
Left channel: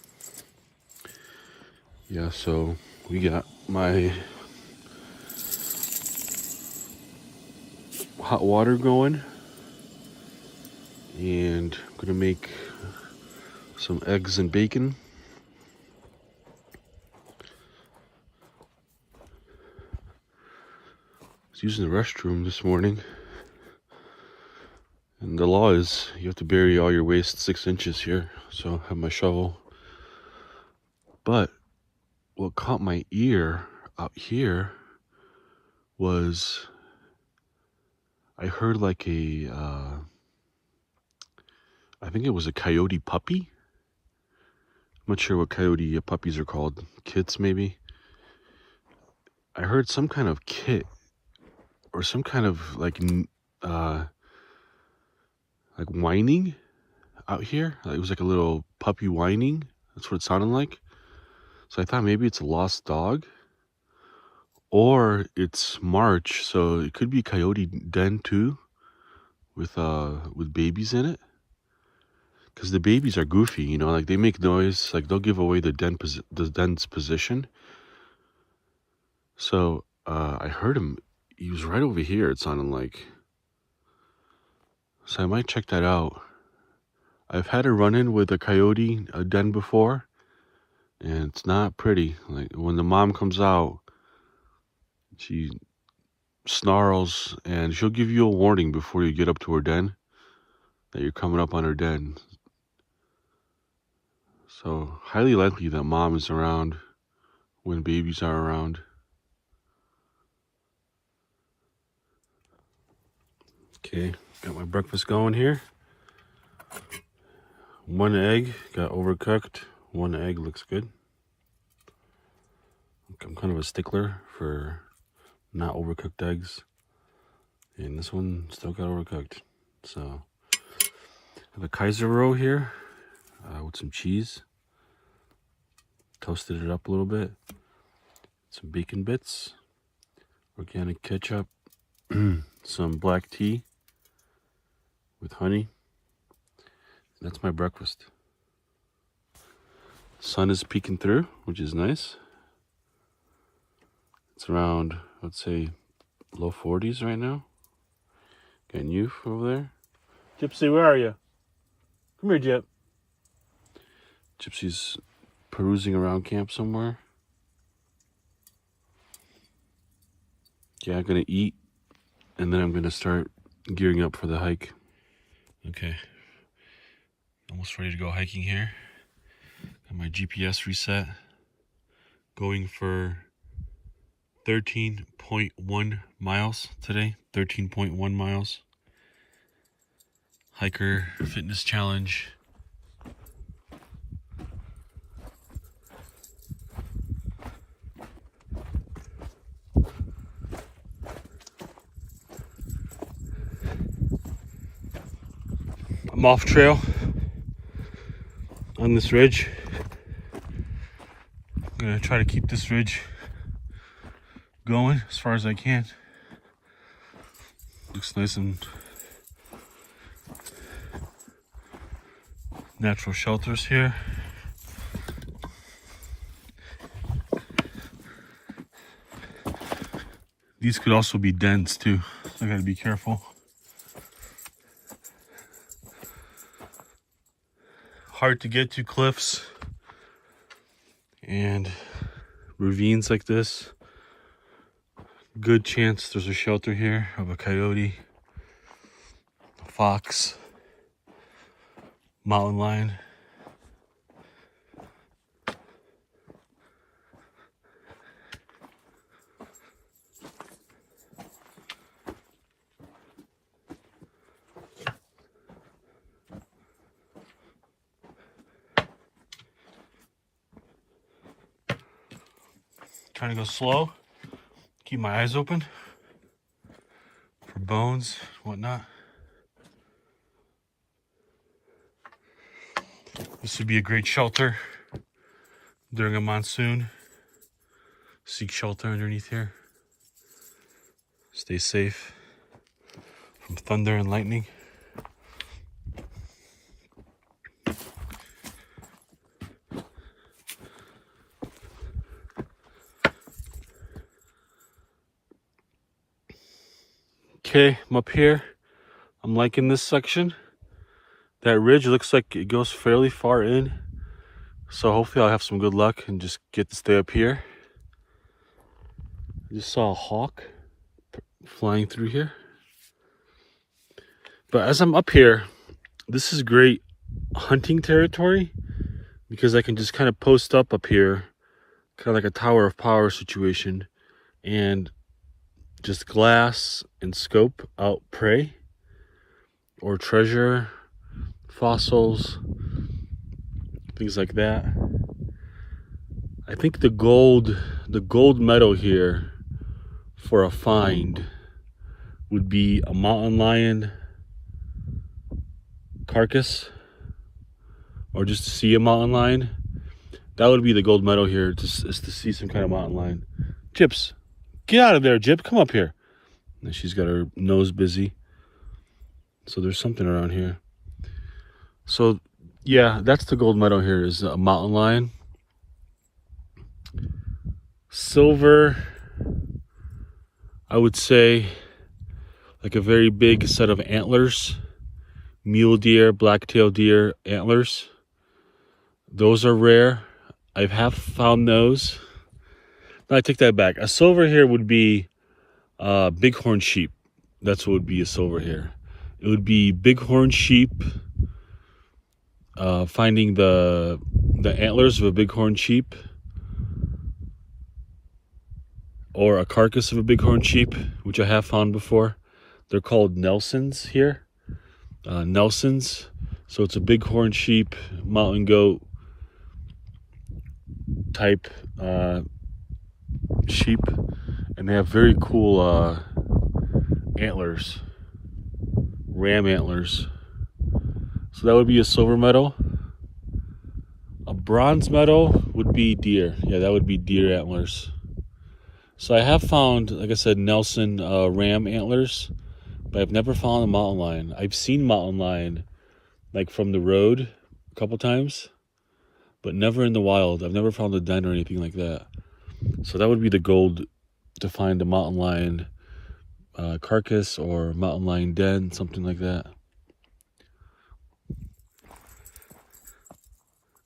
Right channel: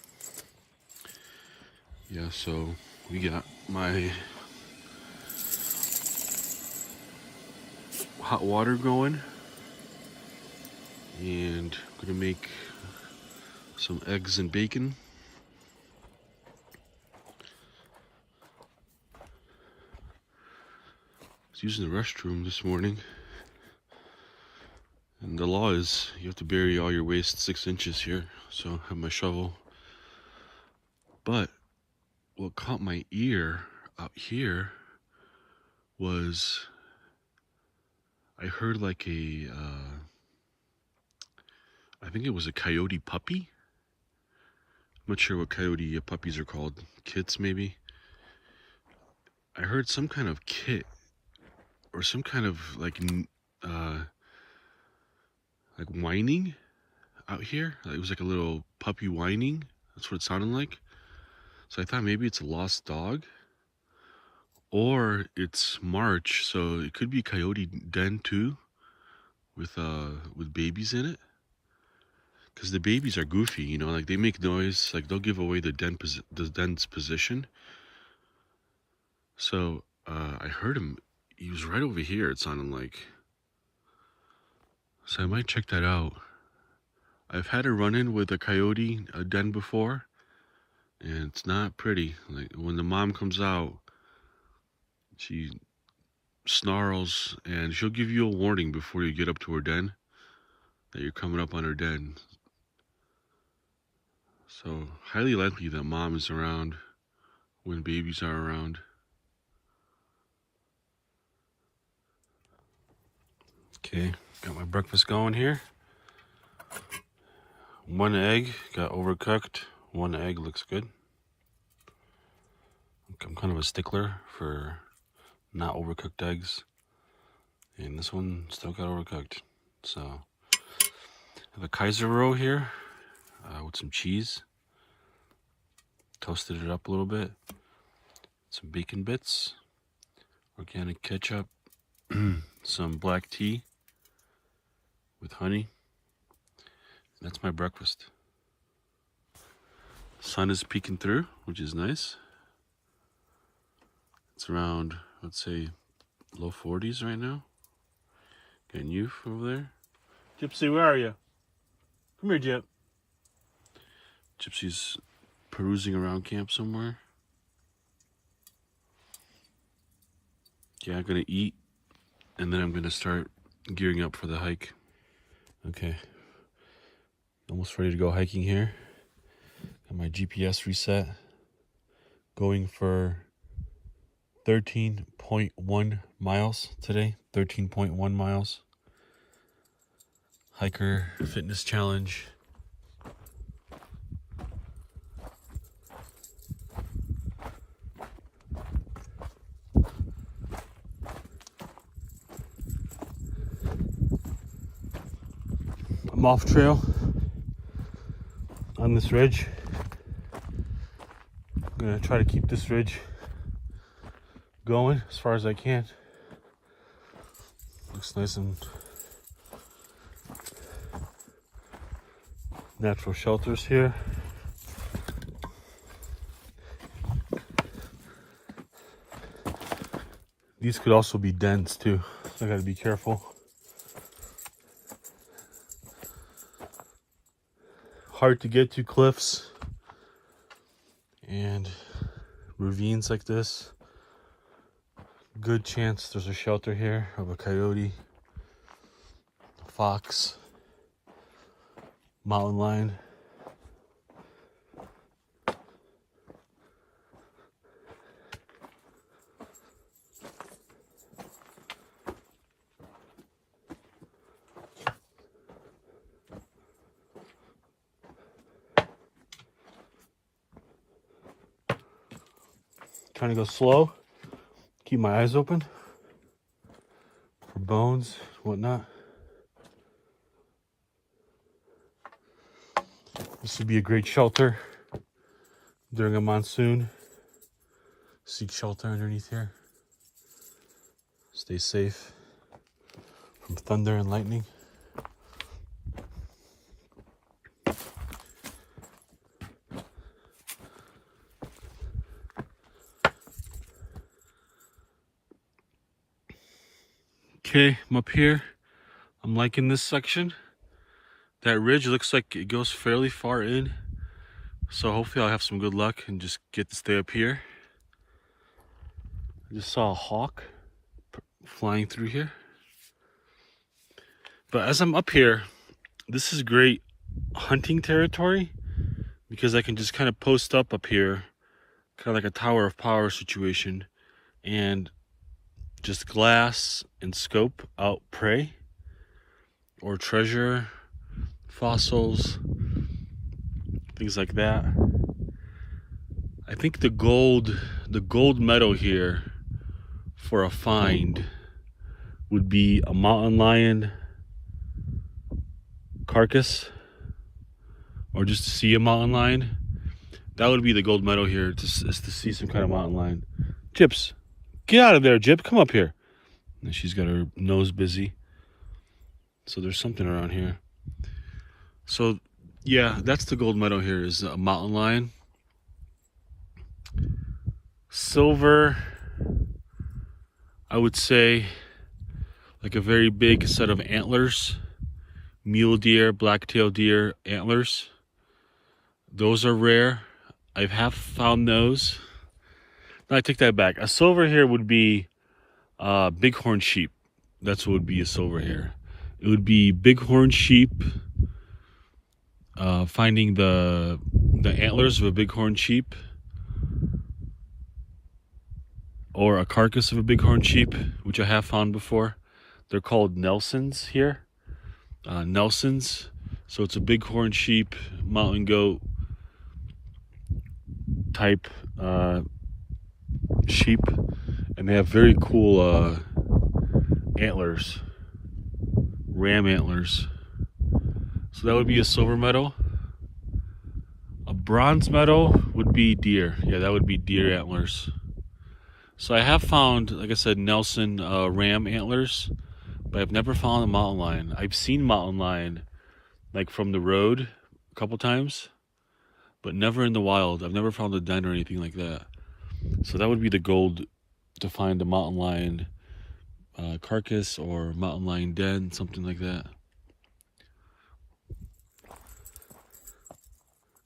Yeah, so we got my hot water going. And I'm gonna make some eggs and bacon. I was using the restroom this morning. And the law is you have to bury all your waste 6 inches here. So I have my shovel. But what caught my ear out here was I heard like I think it was a coyote puppy. I'm not sure what coyote puppies are called. Kits, maybe. I heard some kind of kit or some kind of like whining out here. It was like a little puppy whining. That's what it sounded like. So I thought maybe it's a lost dog, or it's March, so it could be coyote den too, with babies in it. Because the babies are goofy, you know, like they make noise, like they'll give away the den's position. So I heard him. He was right over here. It sounded like. So I might check that out. I've had a run-in with a coyote den before, and it's not pretty. Like when the mom comes out, she snarls and she'll give you a warning before you get up to her den that you're coming up on her den. So highly likely that mom is around when babies are around. Okay, got my breakfast going here. 1 egg got overcooked. 1 egg looks good. I'm kind of a stickler for not overcooked eggs, and this one still got overcooked. So I have a Kaiser roll here with some cheese. Toasted it up a little bit. Some bacon bits, organic ketchup, some black tea with honey. That's my breakfast. Sun is peeking through, which is nice. It's around, let's say, low 40s right now. Got Youth over there. Gypsy, where are you? Come here, Gyp. Gypsy's perusing around camp somewhere. Yeah, I'm gonna eat, and then I'm gonna start gearing up for the hike. Okay, almost ready to go hiking here. Got my GPS reset. Going for 13.1 miles today. 13.1 miles. Hiker fitness challenge. I'm off trail on this ridge. I'm gonna try to keep this ridge going as far as I can. Looks nice and natural shelters here. These could also be dens too, so I gotta be careful. Hard to get to cliffs and ravines like this. Good chance there's a shelter here of a coyote, a fox, mountain lion. Trying to go slow, keep my eyes open for bones, whatnot. This would be a great shelter during a monsoon. Seek shelter underneath here. Stay safe from thunder and lightning. Okay, I'm up here. I'm liking this section. That ridge looks like it goes fairly far in. So hopefully I'll have some good luck and just get to stay up here. I just saw a hawk flying through here. But as I'm up here, this is great hunting territory because I can just kind of post up here, kind of like a tower of power situation, and just glass and scope out prey or treasure, fossils, things like that. I think the gold medal here for a find would be a mountain lion carcass, or just to see a mountain lion. That would be the gold medal here, is to see some kind of mountain lion. Gyps, get out of there, Gyp. Come up here. And she's got her nose busy. So there's something around here. So yeah, that's the gold medal here, is a mountain lion. Silver, I would say, like a very big set of antlers. Mule deer, black-tailed deer antlers. Those are rare. I have found those. No, I take that back. A silver here would be bighorn sheep. That's what would be a silver here. It would be bighorn sheep. Finding the antlers of a bighorn sheep, or a carcass of a bighorn sheep, which I have found before. They're called Nelsons here. Nelsons. So it's a bighorn sheep, mountain goat type sheep, and they have very cool antlers, ram antlers. So that would be a silver medal. A bronze medal would be deer. Yeah, that would be deer antlers. So I have found, like I said, Nelson ram antlers, but I've never found a mountain lion. I've seen mountain lion like from the road a couple times, but never in the wild. I've never found a den or anything like that. So that would be the gold to find a mountain lion carcass or mountain lion den, something like that.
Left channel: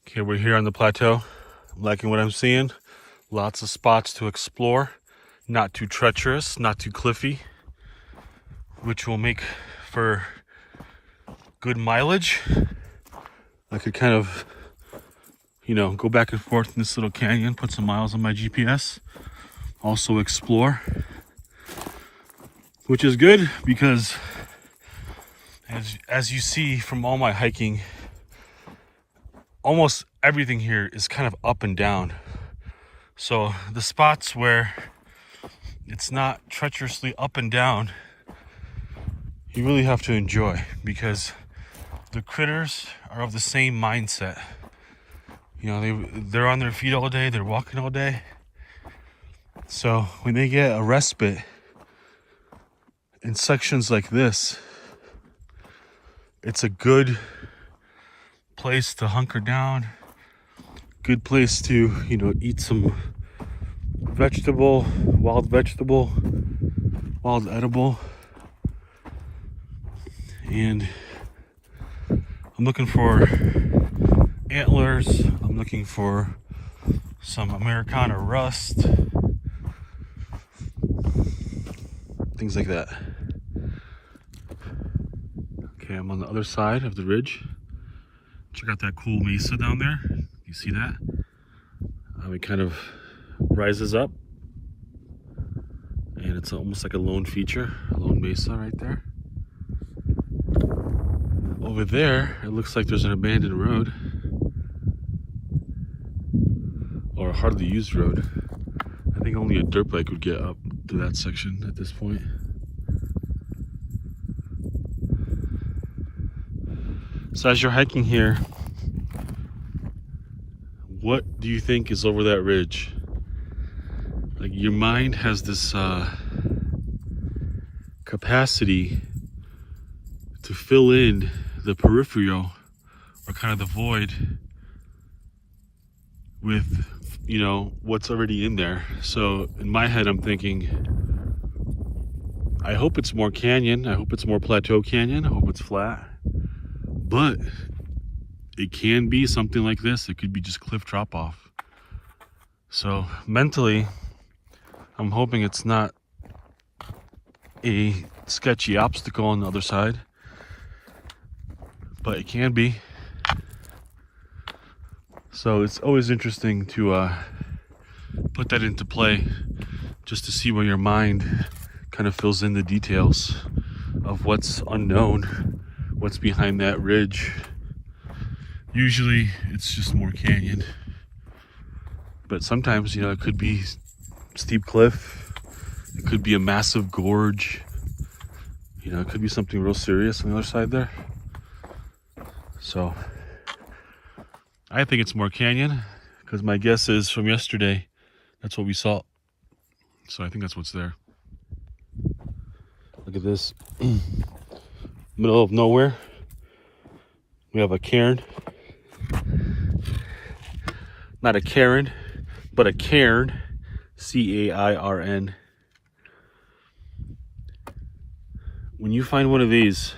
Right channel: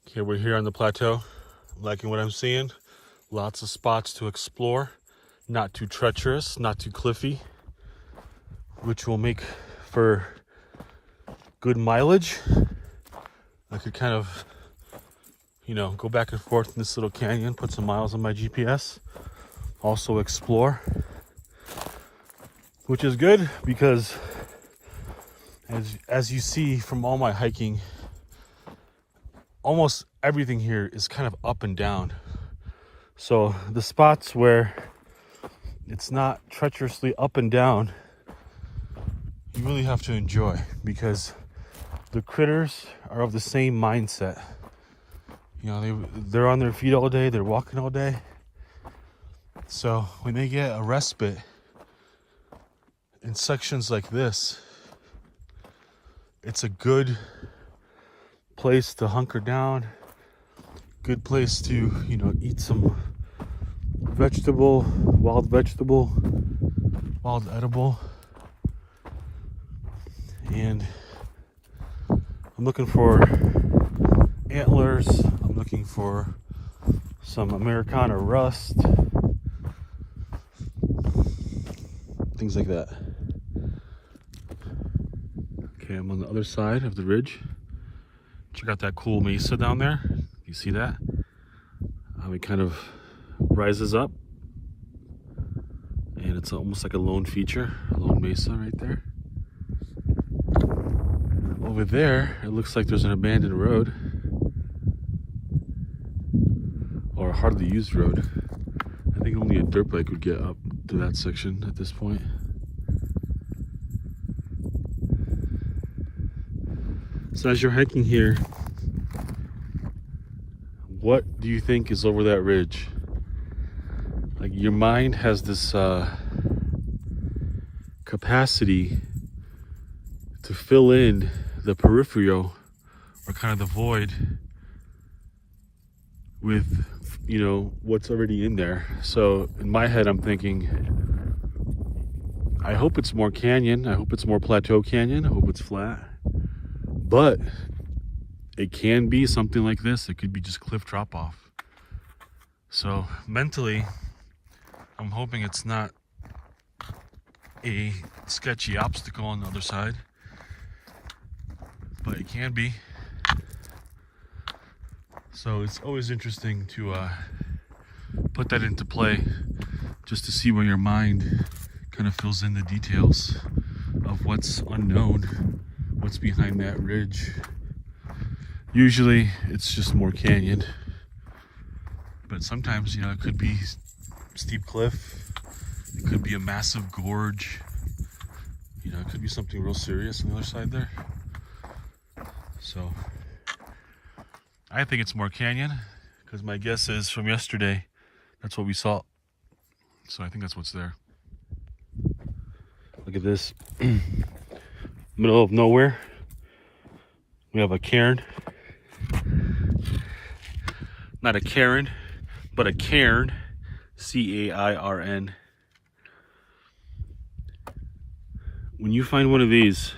Okay, we're here on the plateau. I'm liking what I'm seeing. Lots of spots to explore. Not too treacherous, not too cliffy, which will make for good mileage. I could kind of, go back and forth in this little canyon, put some miles on my GPS. Also explore, which is good because as you see from all my hiking, almost everything here is kind of up and down. So the spots where it's not treacherously up and down, you really have to enjoy, because the critters are of the same mindset. They're on their feet all day, they're walking all day. So when they get a respite in sections like this, it's a good place to hunker down, good place to eat some wild edible, and I'm looking for antlers, I'm looking for some Americana rust, things like that. Okay, I'm on the other side of the ridge. Check out that cool mesa down there. You see that? It kind of rises up, and it's almost like a lone feature, a lone mesa right there. Over there, it looks like there's an abandoned road, or a hardly used road. I think only a dirt bike would get up to that section at this point. So as you're hiking here, what do you think is over that ridge? Like, your mind has this capacity to fill in the peripheral, or kind of the void, with what's already in there. So in my head, I'm thinking, I hope it's more canyon, I hope it's more plateau canyon, I hope it's flat, but it can be something like this. It could be just cliff drop off. So mentally, I'm hoping it's not a sketchy obstacle on the other side, but it can be. So it's always interesting to put that into play, just to see where your mind kind of fills in the details of what's unknown, what's behind that ridge. Usually it's just more canyon, but sometimes it could be steep cliff, it could be a massive gorge, it could be something real serious on the other side there. So I think it's more canyon, because my guess is from yesterday, that's what we saw. So I think that's what's there. Look at this. Middle of nowhere. We have a cairn. Not a Karen, but a cairn. C-A-I-R-N. When you find one of these,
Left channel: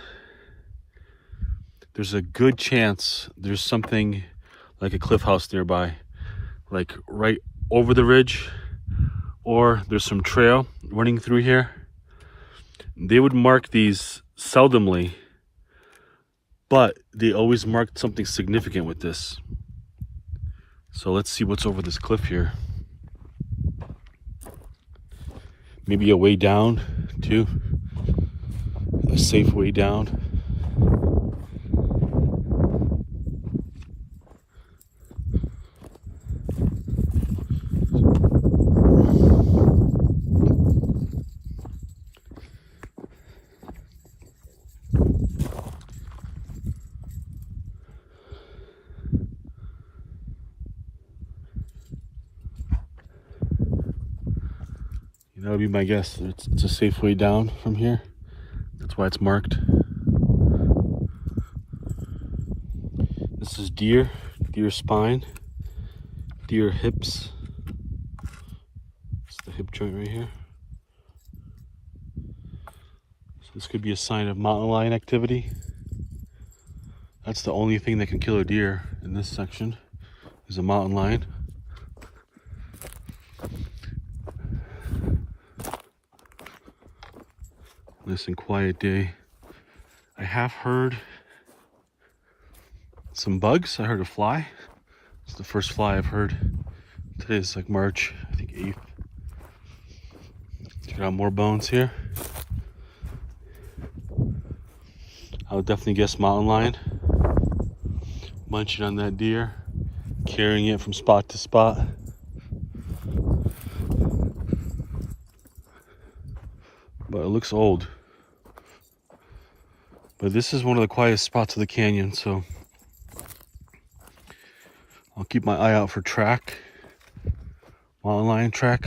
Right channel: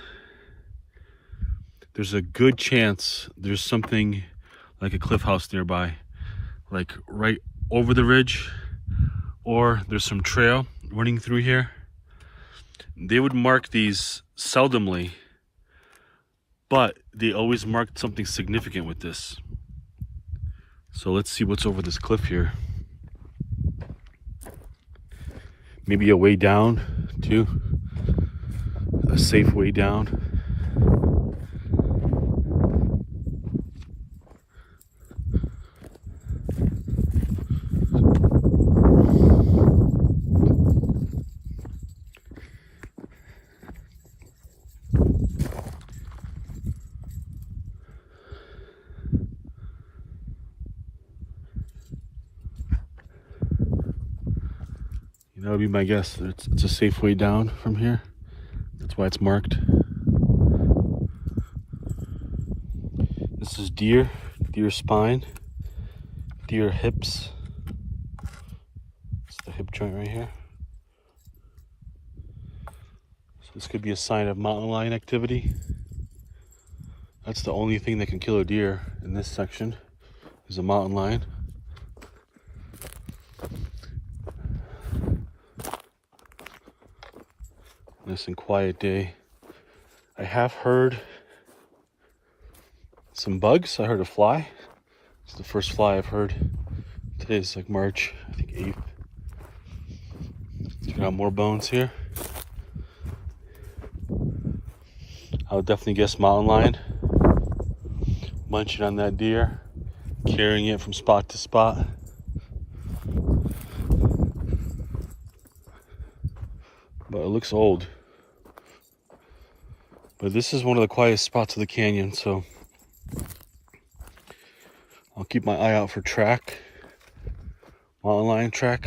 there's a good chance there's something like a cliff house nearby, like right over the ridge, or there's some trail running through here. They would mark these seldomly, but they always marked something significant with this. So let's see what's over this cliff here. Maybe a way down too, a safe way down. That would be my guess. It's a safe way down from here. That's why it's marked. This is deer spine, deer hips. It's the hip joint right here. So this could be a sign of mountain lion activity. That's the only thing that can kill a deer in this section, is a mountain lion. Nice and quiet day. I have heard some bugs. I heard a fly. It's the first fly I've heard. Today's like March, I think 8th. Got more bones here. I would definitely guess mountain lion. Munching on that deer, carrying it from spot to spot. But it looks old. But this is one of the quietest spots of the canyon, so I'll keep my eye out for track, mountain lion track.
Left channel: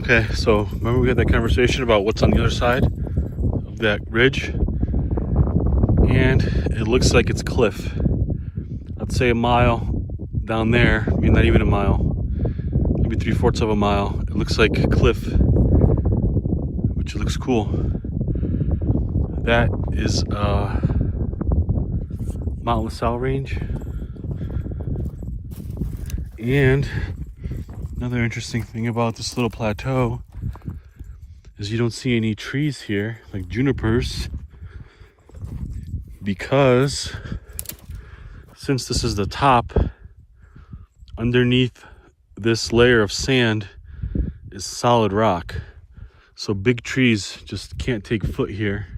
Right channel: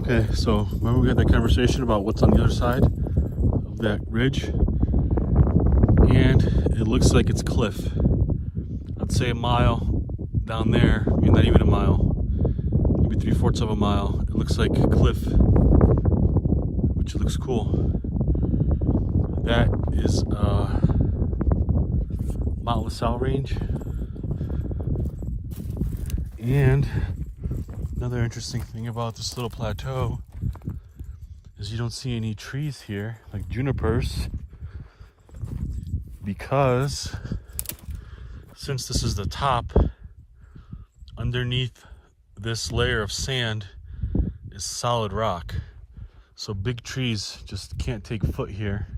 Okay, so remember we had that conversation about what's on the other side of that ridge? And it looks like it's cliff. Let's say a mile down there, I mean not even a mile, maybe 3/4 of a mile. It looks like a cliff, which looks cool. That is Mount LaSalle Range. And another interesting thing about this little plateau is you don't see any trees here, like junipers, because since this is the top, underneath this layer of sand is solid rock. So big trees just can't take foot here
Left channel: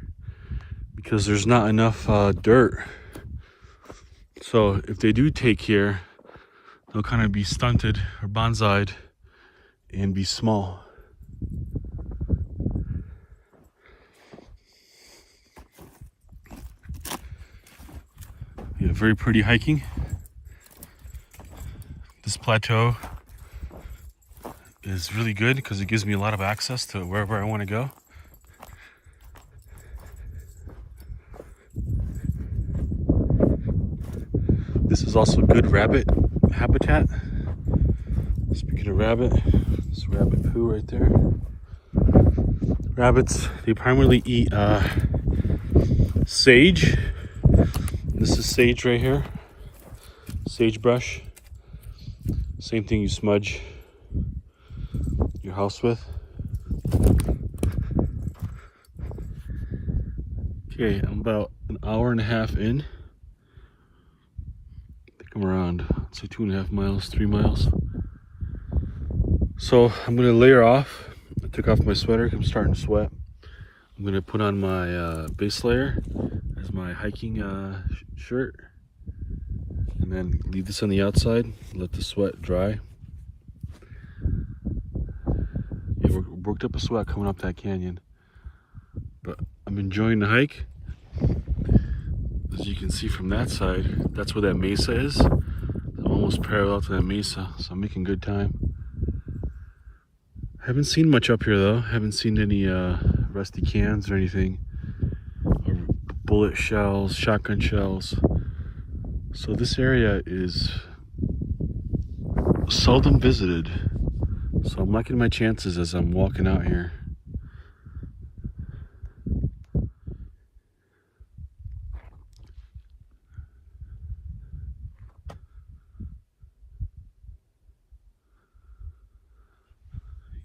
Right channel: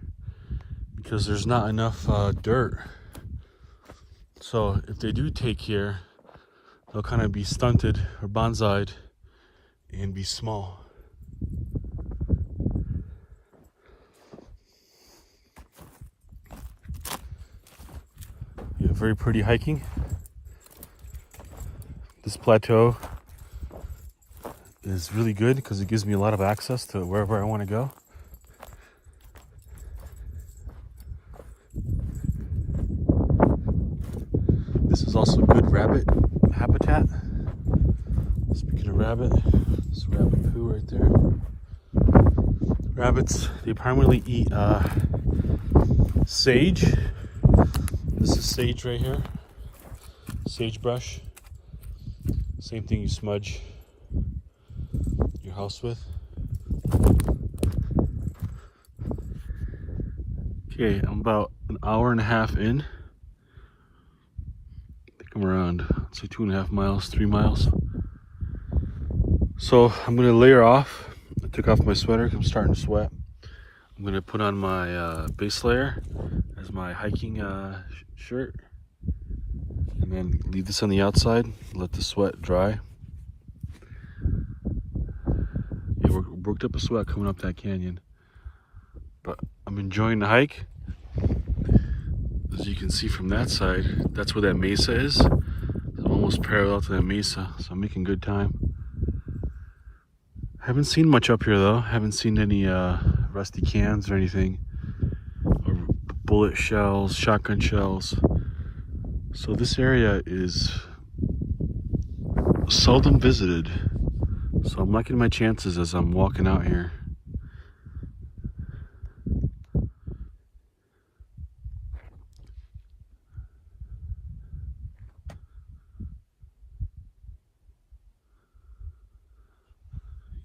because there's not enough dirt. So if they do take here, they'll kind of be stunted or bonsai'd and be small. Yeah, very pretty hiking. This plateau is really good because it gives me a lot of access to wherever I want to go. This is also good rabbit habitat. Speaking of rabbit, this rabbit poo right there. Rabbits, they primarily eat sage. This is sage right here. Sagebrush. Same thing you smudge your house with. Okay, I'm about an hour and a half in. I think I'm around, it's like 2.5 miles, 3 miles. So I'm gonna layer off. I took off my sweater, I'm starting to sweat. I'm gonna put on my base layer as my hiking shirt. And then leave this on the outside, let the sweat dry. Yeah, we're worked up a sweat coming up that canyon. But I'm enjoying the hike. As you can see from that side, that's where that mesa is. I'm almost parallel to that mesa, so I'm making good time. Haven't seen much up here though. Haven't seen any rusty cans or anything, or bullet shells, shotgun shells. So this area is seldom visited. So I'm liking my chances as I'm walking out here.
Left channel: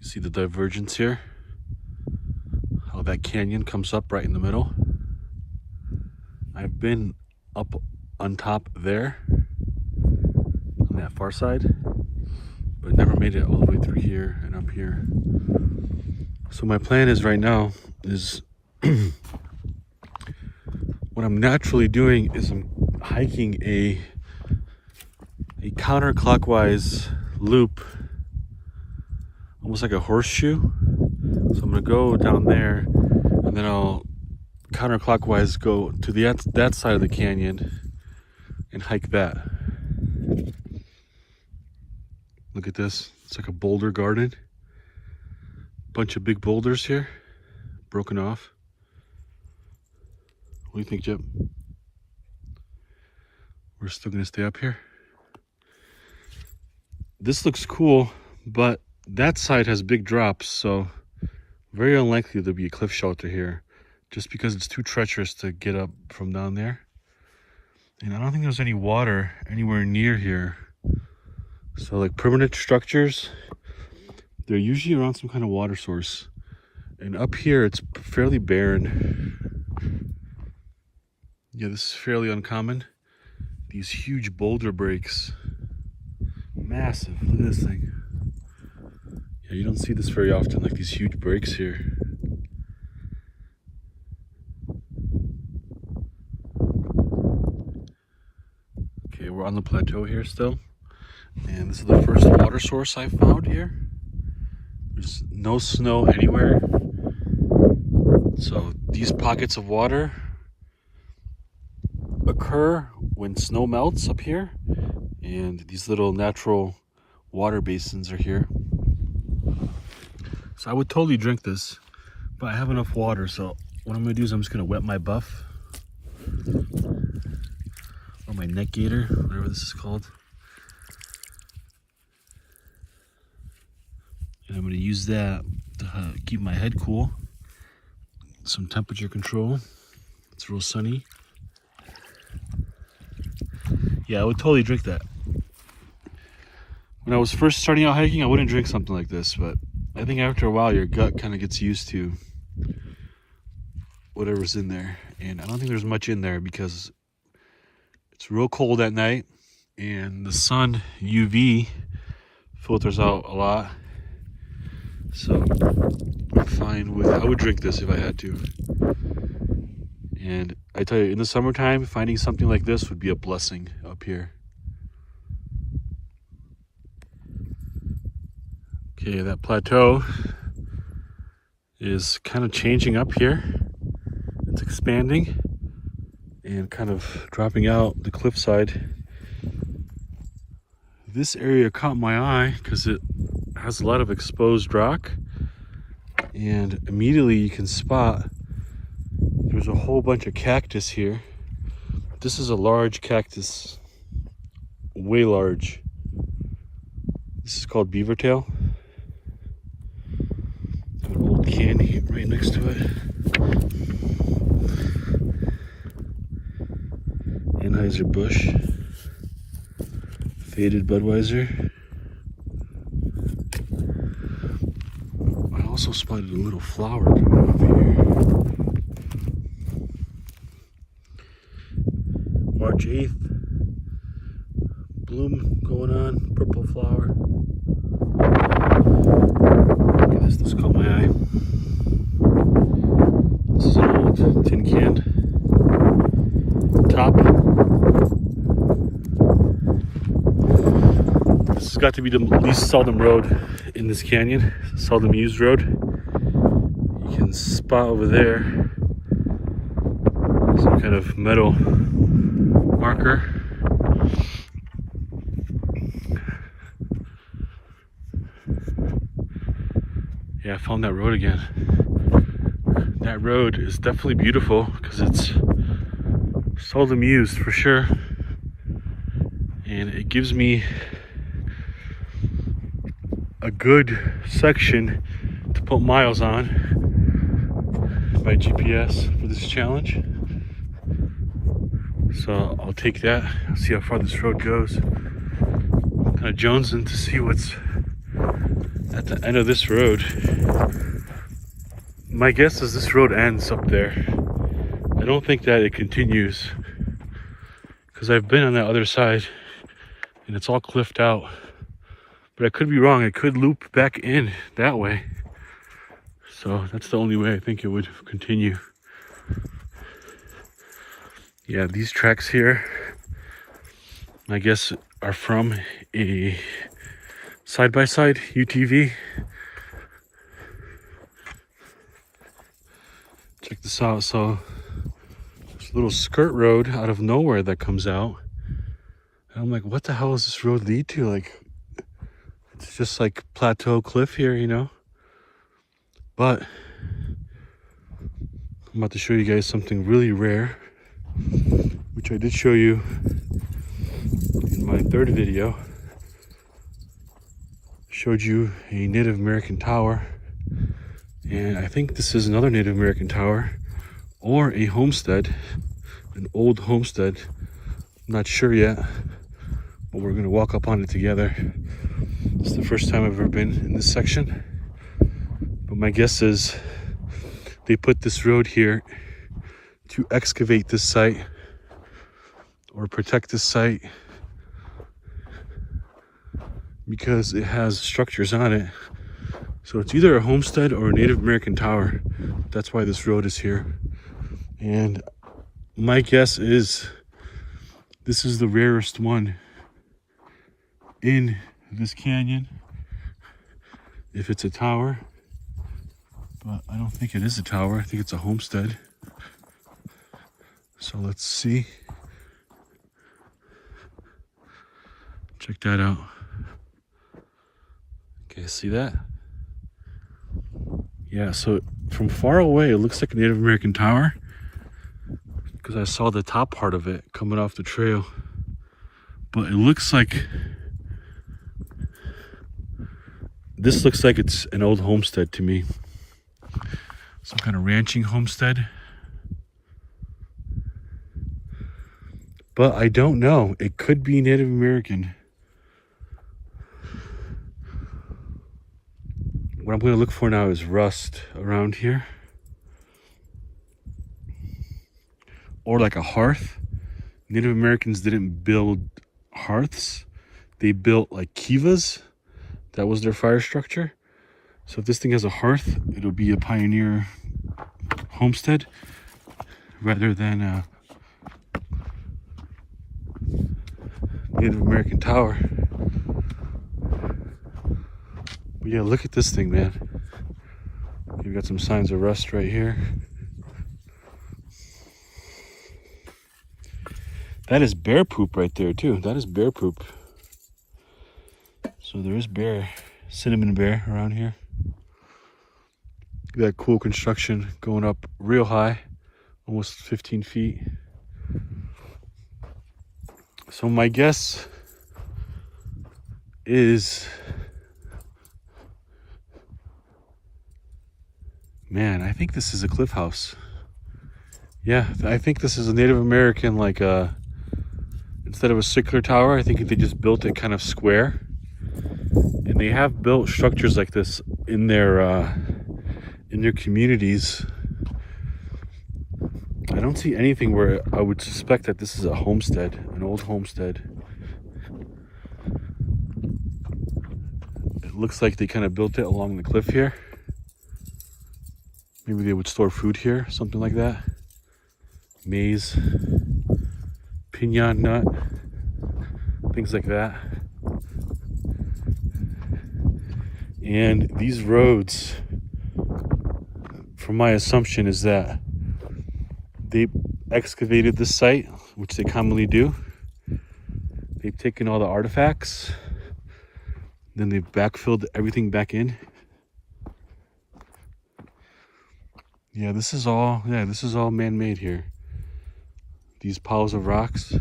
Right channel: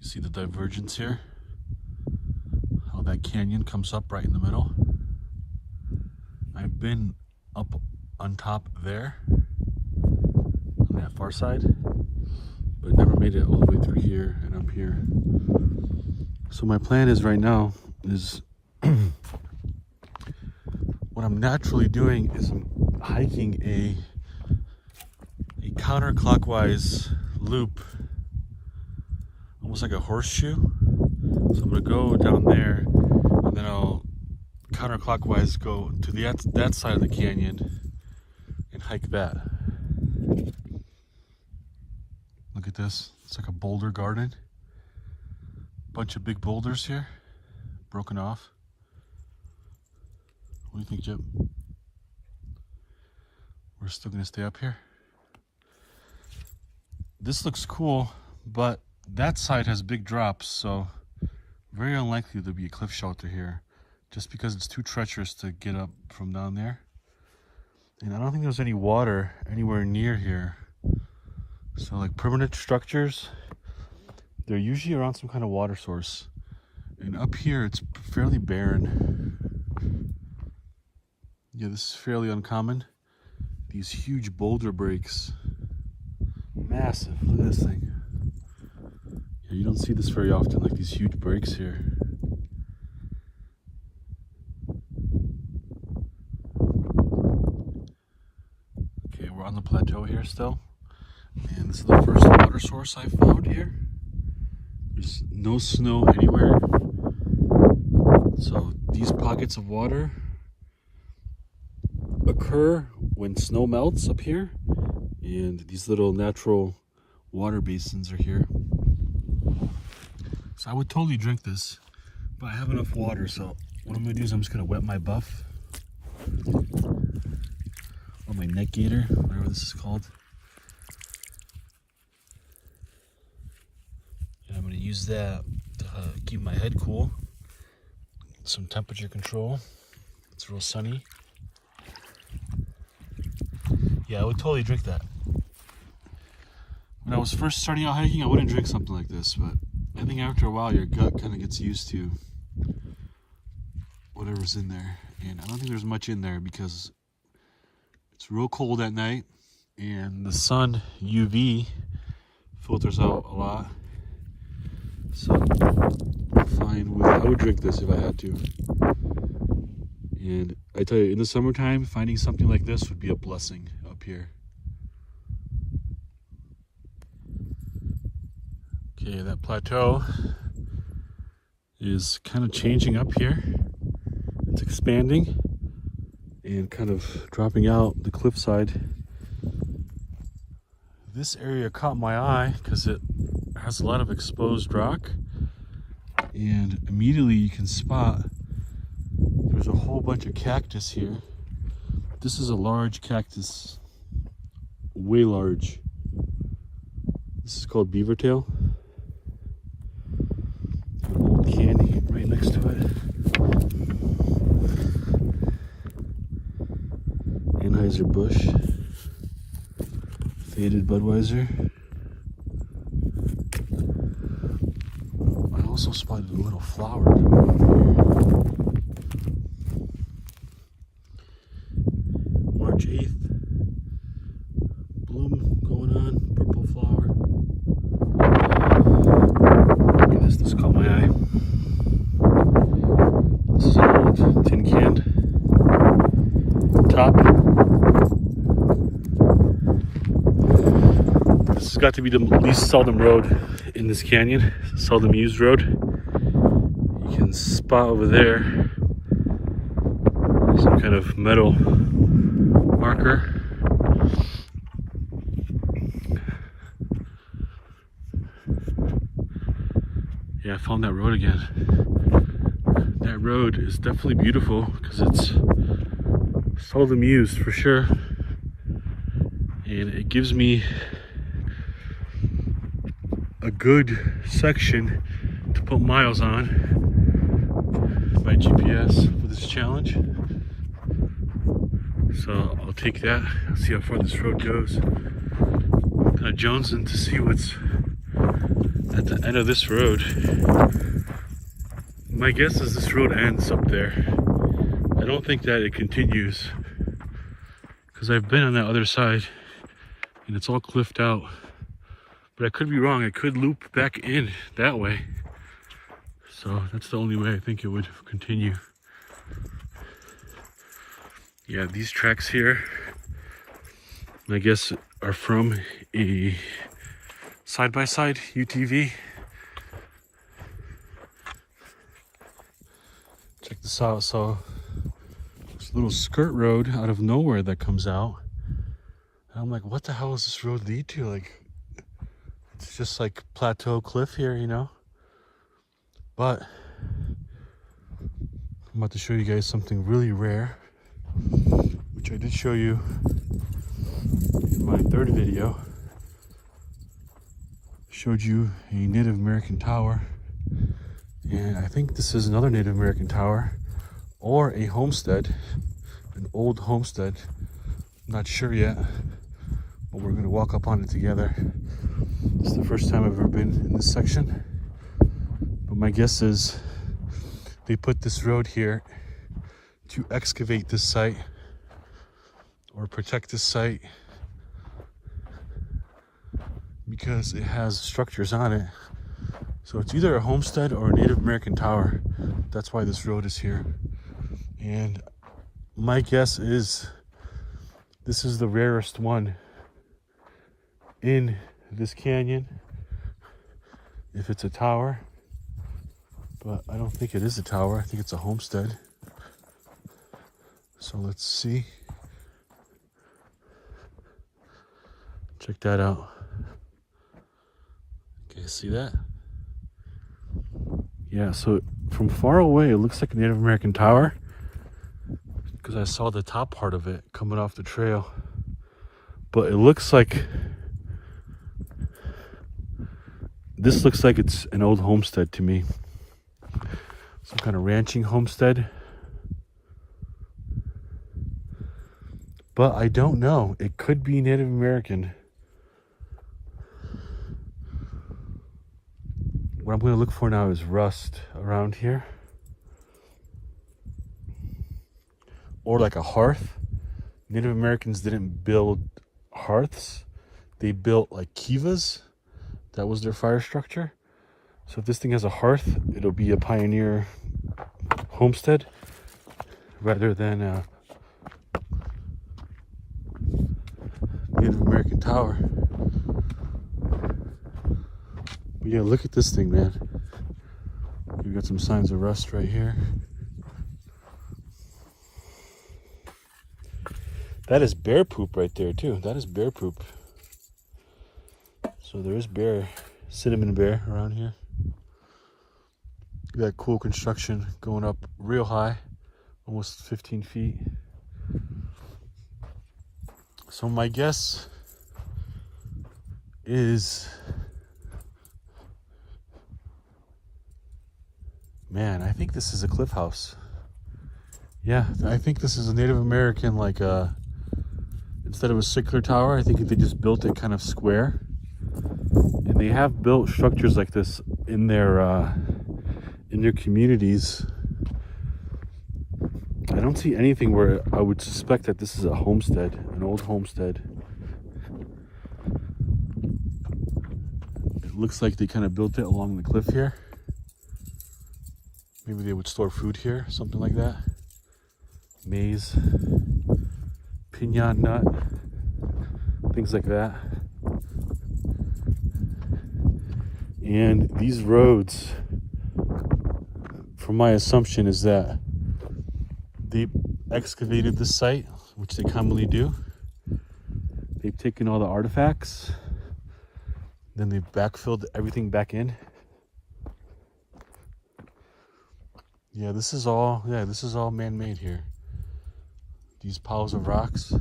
You see the divergence here? How that canyon comes up right in the middle. I've been up on top there, on that far side, but never made it all the way through here and up here. So my plan is right now is what I'm naturally doing is I'm hiking a counterclockwise loop, almost like a horseshoe. So I'm gonna go down there and then I'll counterclockwise go to that side of the canyon and hike that. Look at this. It's like a boulder garden. Bunch of big boulders here, broken off. What do you think, Jip? We're still gonna stay up here. This looks cool, but that side has big drops, so very unlikely there'll be a cliff shelter here, just because it's too treacherous to get up from down there. And I don't think there's any water anywhere near here. So like permanent structures, they're usually around some kind of water source. And up here, it's fairly barren. Yeah, this is fairly uncommon. These huge boulder breaks. Massive, look at this thing. Yeah, you don't see this very often, like these huge breaks here. Okay, we're on the plateau here still. And this is the first water source I found here. There's no snow anywhere. So these pockets of water occur when snow melts up here. And these little natural water basins are here. So I would totally drink this, but I have enough water. So what I'm gonna do is I'm just gonna wet my buff. Or my neck gaiter, whatever this is called. And I'm going to use that to keep my head cool. Some temperature control. It's real sunny. Yeah, I would totally drink that. When I was first starting out hiking, I wouldn't drink something like this, but I think after a while your gut kind of gets used to whatever's in there. And I don't think there's much in there because it's real cold at night and the sun UV filters out a lot. So I'm fine with, I would drink this if I had to. And I tell you, in the summertime, finding something like this would be a blessing up here. Okay, that plateau is kind of changing up here. It's expanding and kind of dropping out the cliffside. This area caught my eye because it has a lot of exposed rock, and immediately you can spot there's a whole bunch of cactus here. This is a large cactus, way large. This is called beaver tail. An old canyon right next to it. Anheuser-Busch, faded Budweiser. I also spotted a little flower coming up here. March 8th. Bloom going on, purple flower. Look at this, this caught my eye. This is an old tin can top. This has got to be the least seldom road in this canyon, seldom used road. spot over there. Some kind of metal marker. Yeah, I found that road again. That road is definitely beautiful because it's seldom used for sure. And it gives me a good section to put miles on by GPS for this challenge. So I'll take that, see how far this road goes. Kind of jonesing to see what's at the end of this road. My guess is this road ends up there. I don't think that it continues because I've been on that other side and it's all cliffed out. But I could be wrong. It could loop back in that way. So that's the only way I think it would continue. Yeah, these tracks here, I guess, are from a side-by-side UTV. Check this out. So there's a little skirt road out of nowhere that comes out. And I'm like, what the hell does this road lead to? Like, it's just like plateau cliff here, you know? But I'm about to show you guys something really rare, which I did show you in my third video. Showed you a Native American tower, and I think this is another Native American tower or a homestead, an old homestead. I'm not sure yet, but we're gonna walk up on it together. It's the first time I've ever been in this section, but my guess is they put this road here to excavate this site or protect this site because it has structures on it. So it's either a homestead or a Native American tower. That's why this road is here. And my guess is this is the rarest one in this canyon, if it's a tower. But I don't think it is a tower. I think it's a homestead. So let's see. Check that out. Okay, see that? Yeah, so from far away, it looks like a Native American tower because I saw the top part of it coming off the trail. But it looks like, this looks like it's an old homestead to me. Some kind of ranching homestead. But I don't know. It could be Native American. What I'm going to look for now is rust around here. Or like a hearth. Native Americans didn't build hearths. They built like kivas. That was their fire structure. So if this thing has a hearth, it'll be a pioneer homestead rather than a Native American tower. But yeah, look at this thing, man. You've got some signs of rust right here. That is bear poop right there too. That is bear poop. So there is bear, cinnamon bear around here. That cool construction going up real high, almost 15 feet. So my guess is, man, I think this is a cliff house. Yeah, I think this is a Native American, like instead of a circular tower, I think they just built it kind of square. And they have built structures like this in their communities. I don't see anything where I would suspect that this is a homestead, an old homestead. It looks like they kind of built it along the cliff here. Maybe they would store food here, something like that. Maize, piñon nut, things like that. And these roads, from my assumption is that they excavated this site, which they commonly do. They've taken all the artifacts, then they've backfilled everything back in. Yeah, this is all man-made here. These piles of rocks.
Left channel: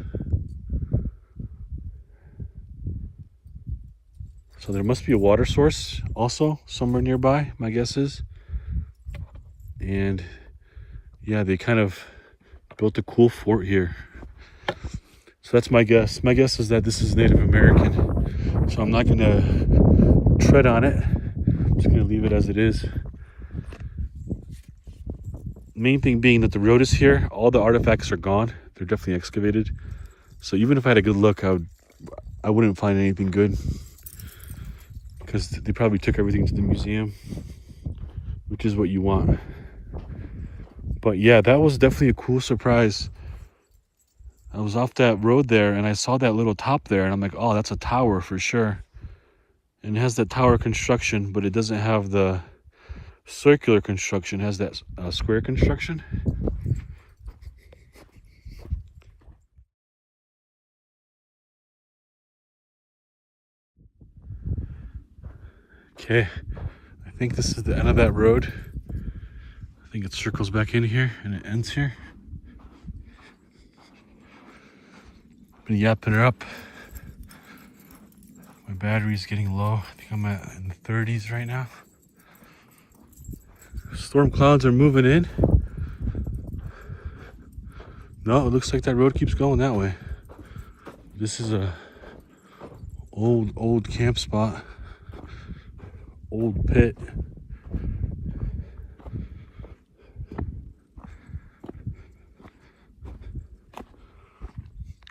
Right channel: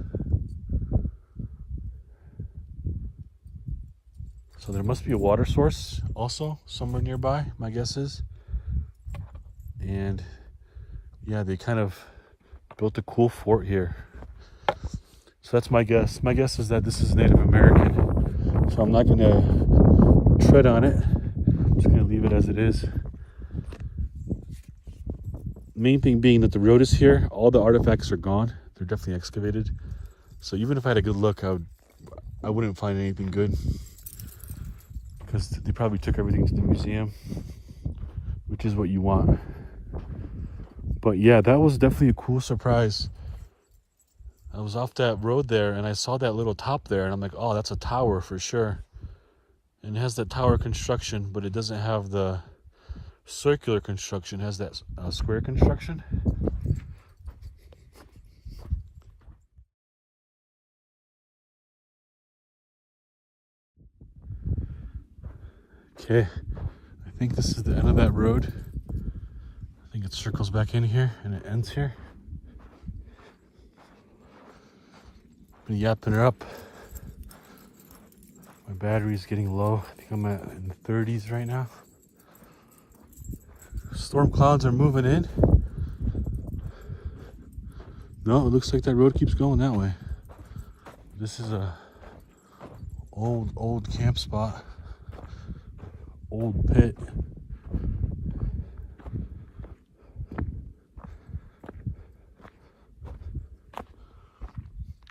So there must be a water source also somewhere nearby, my guess is. And yeah, they kind of built a cool fort here. So that's my guess. My guess is that this is Native American. So I'm not gonna tread on it. I'm just gonna leave it as it is. Main thing being that the road is here. All the artifacts are gone. They're definitely excavated. So even if I had a good look, I wouldn't find anything good, because they probably took everything to the museum, which is what you want. But yeah, that was definitely a cool surprise. I was off that road there and I saw that little top there and I'm like, oh, that's a tower for sure. And it has that tower construction, but it doesn't have the circular construction. It has that square construction. Okay, I think this is the end of that road. I think it circles back in here and it ends here. Been yapping her up. My battery's getting low. I think I'm at in the 30s right now. Storm clouds are moving in. No, it looks like that road keeps going that way. This is a old camp spot. Old pit.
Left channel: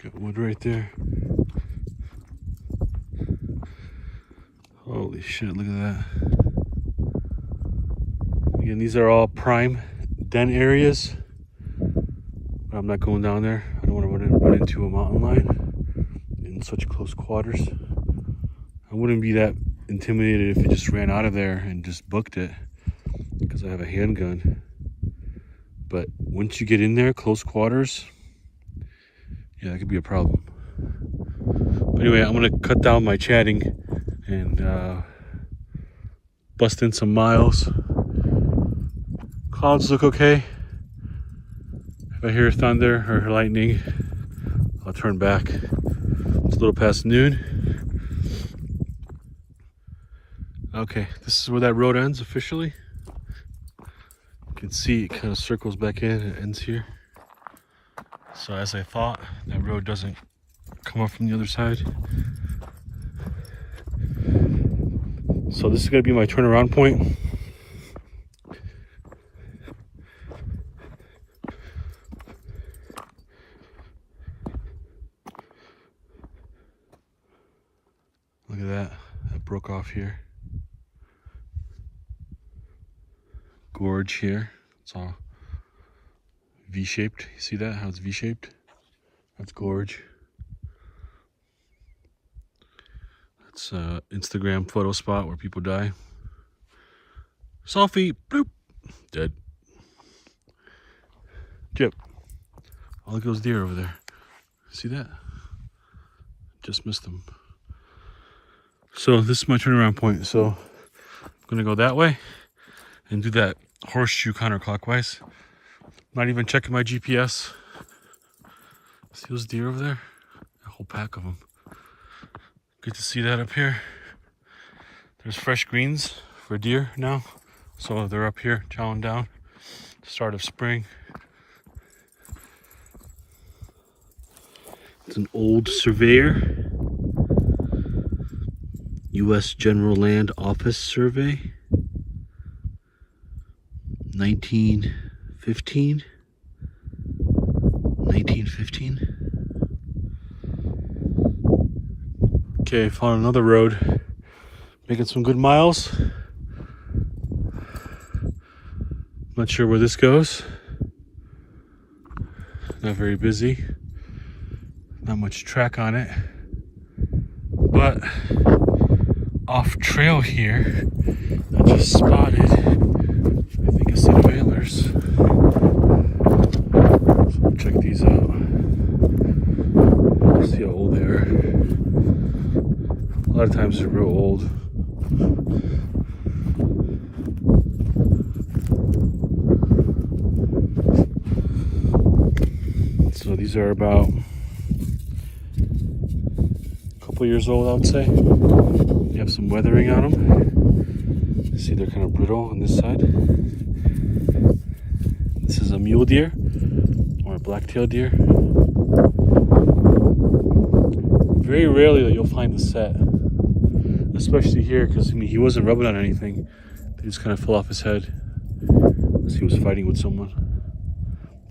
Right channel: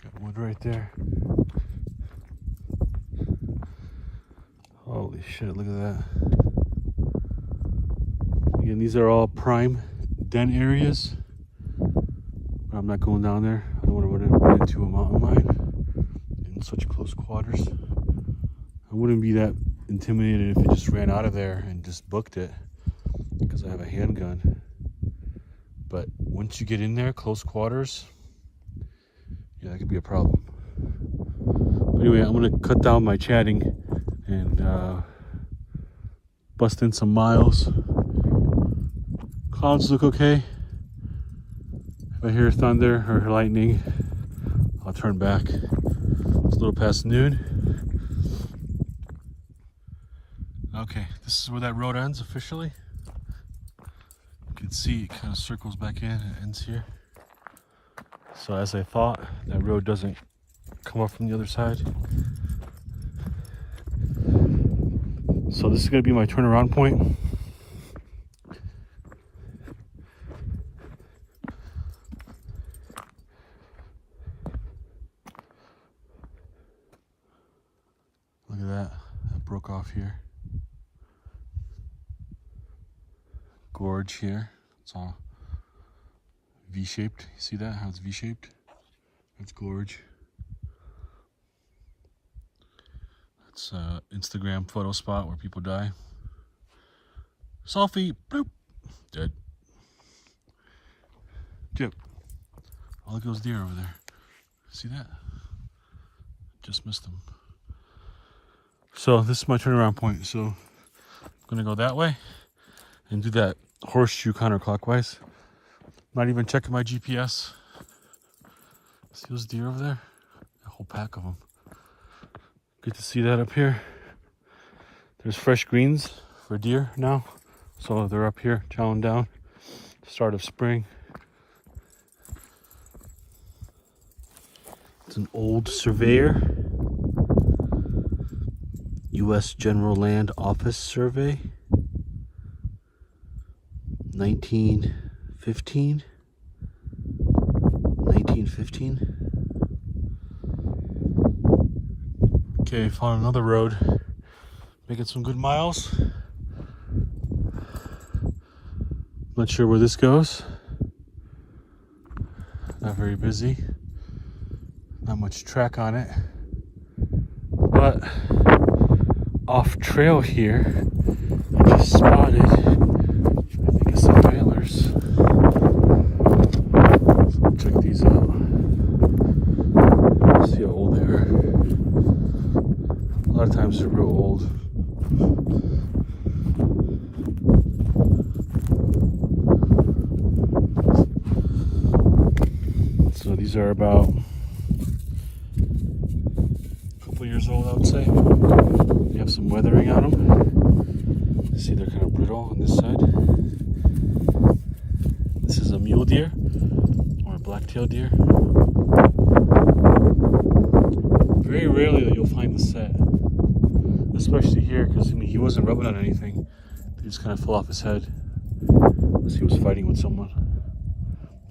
Got wood right there. Holy shit, look at that. Again, these are all prime den areas. But I'm not going down there. I don't want to run into a mountain lion in such close quarters. I wouldn't be that intimidated if it just ran out of there and just booked it, because I have a handgun. But once you get in there, close quarters, yeah, that could be a problem. But anyway, I'm gonna cut down my chatting and bust in some miles. Clouds look okay. If I hear thunder or lightning, I'll turn back. It's a little past noon. Okay, this is where that road ends officially. You can see it kind of circles back in and ends here. So as I thought, that road doesn't come up from the other side. So this is going to be my turnaround point. Look at that, that broke off here. Gorge here, it's all V-shaped. You see that, how it's V-shaped? That's gorge. That's Instagram photo spot where people die. Selfie, bloop, dead. Jip. Oh, look at those deer over there. See that? Just missed them. So this is my turnaround point. So I'm gonna go that way and do that horseshoe counterclockwise. Not even checking my GPS. See those deer over there? A whole pack of them. Good to see that up here. There's fresh greens for deer now. So they're up here chowing down. Start of spring. It's an old surveyor. U.S. General Land Office survey. 1915. Okay, found another road. Making some good miles. Not sure where this goes. Not very busy. Not much track on it. But off trail here, I just spotted, I think guess some antlers. So check these out. See how old they are. A lot of times they're real old. So these are about a couple years old, I would say. They have some weathering on them. See, they're kind of brittle on this side. This is a mule deer or a black-tailed deer. Very rarely that you'll find the set, especially here, because I mean he wasn't rubbing on anything. They just kind of fell off his head as he was fighting with someone.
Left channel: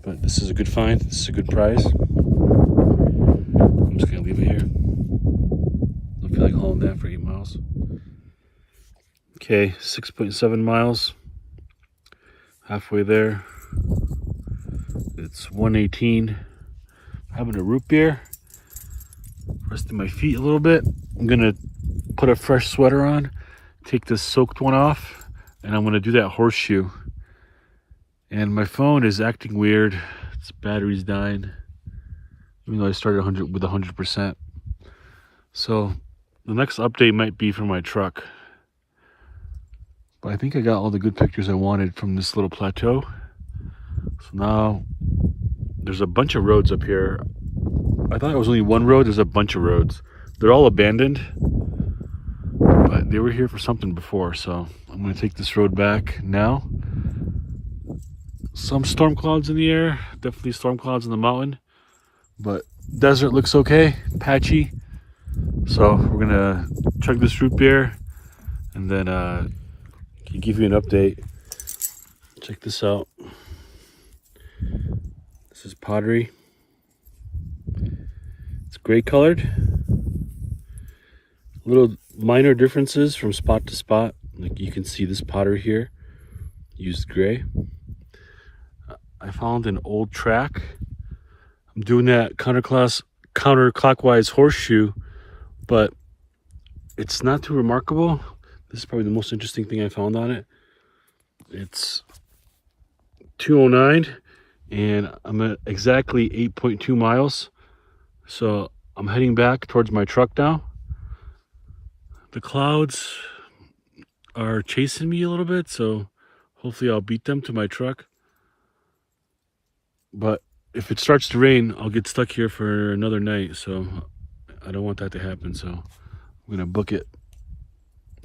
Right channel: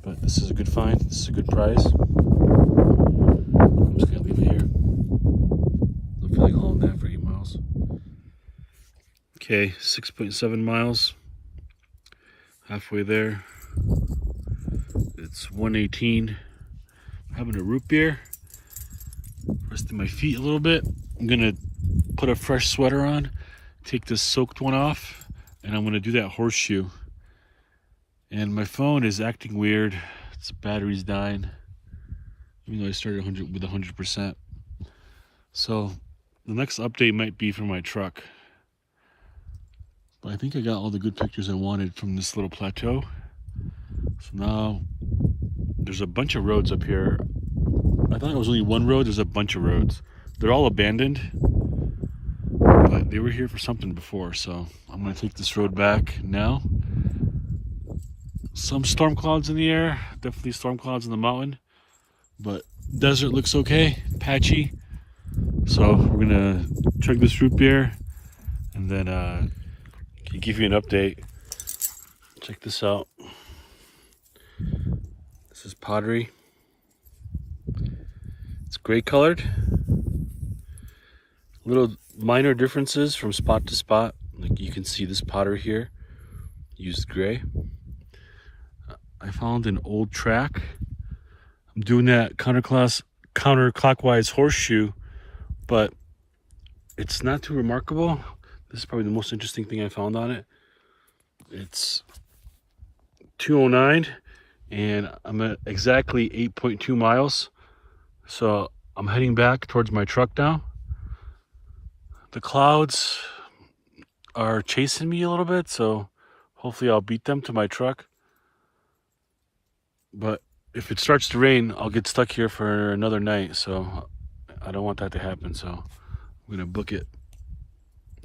But this is a good find. This is a good prize. I'm just gonna leave it here. I feel like hauling that for 8 miles. Okay, 6.7 miles. Halfway there. It's 1:18. Having a root beer. Resting my feet a little bit. I'm gonna put a fresh sweater on, take this soaked one off, and I'm gonna do that horseshoe. And my phone is acting weird. Its battery's dying, even though I started with 100%. So the next update might be for my truck. But I think I got all the good pictures I wanted from this little plateau. So now there's a bunch of roads up here. I thought it was only one road. There's a bunch of roads. They're all abandoned, but they were here for something before. So I'm going to take this road back now. Some storm clouds in the air, definitely storm clouds in the mountain, but desert looks okay, patchy. So we're gonna chug this root beer and then give you an update. Check this out. This is pottery. It's gray colored. Little minor differences from spot to spot. Like you can see this pottery here used gray. I found an old track. I'm doing that counterclockwise horseshoe, but it's not too remarkable. This is probably the most interesting thing I found on it. It's 2:09 and I'm at exactly 8.2 miles. So I'm heading back towards my truck now. The clouds are chasing me a little bit, so hopefully I'll beat them to my truck. But if it starts to rain, I'll get stuck here for another night. So I don't want that to happen. So I'm going to book it.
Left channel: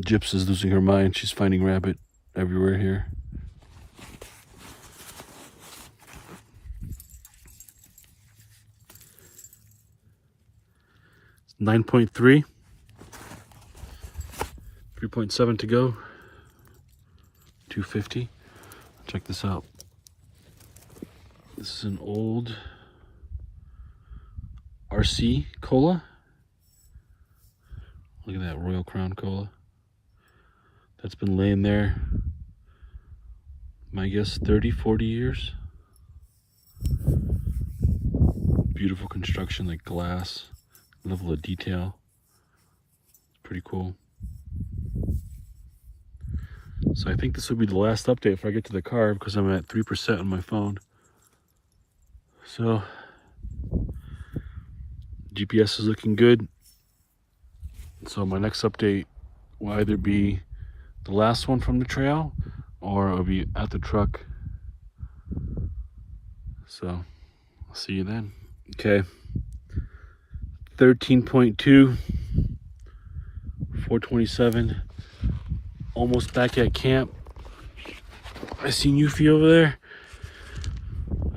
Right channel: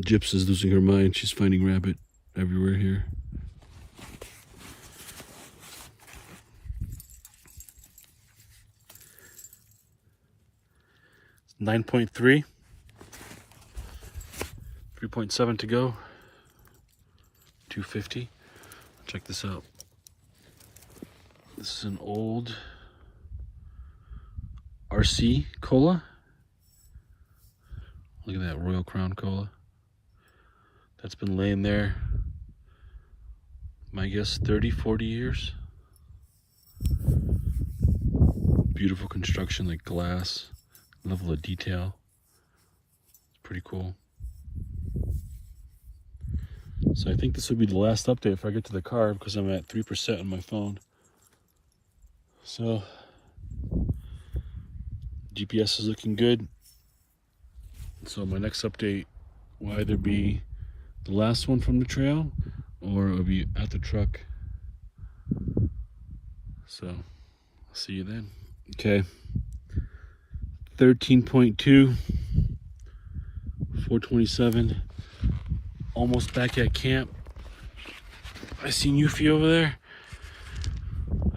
Gyps is losing her mind. She's finding rabbit everywhere here. It's 9.3. 3.7 to go. 250. Check this out. This is an old RC cola. Look at that Royal Crown cola. That's been laying there, my guess, 30, 40 years. Beautiful construction, like glass, level of detail. Pretty cool. So I think this will be the last update if I get to the car because I'm at 3% on my phone. So GPS is looking good. So my next update will either be the last one from the trail or it'll be at the truck. So I'll see you then. Okay. 13.2, 427. Almost back at camp. I seen Yuffie over there.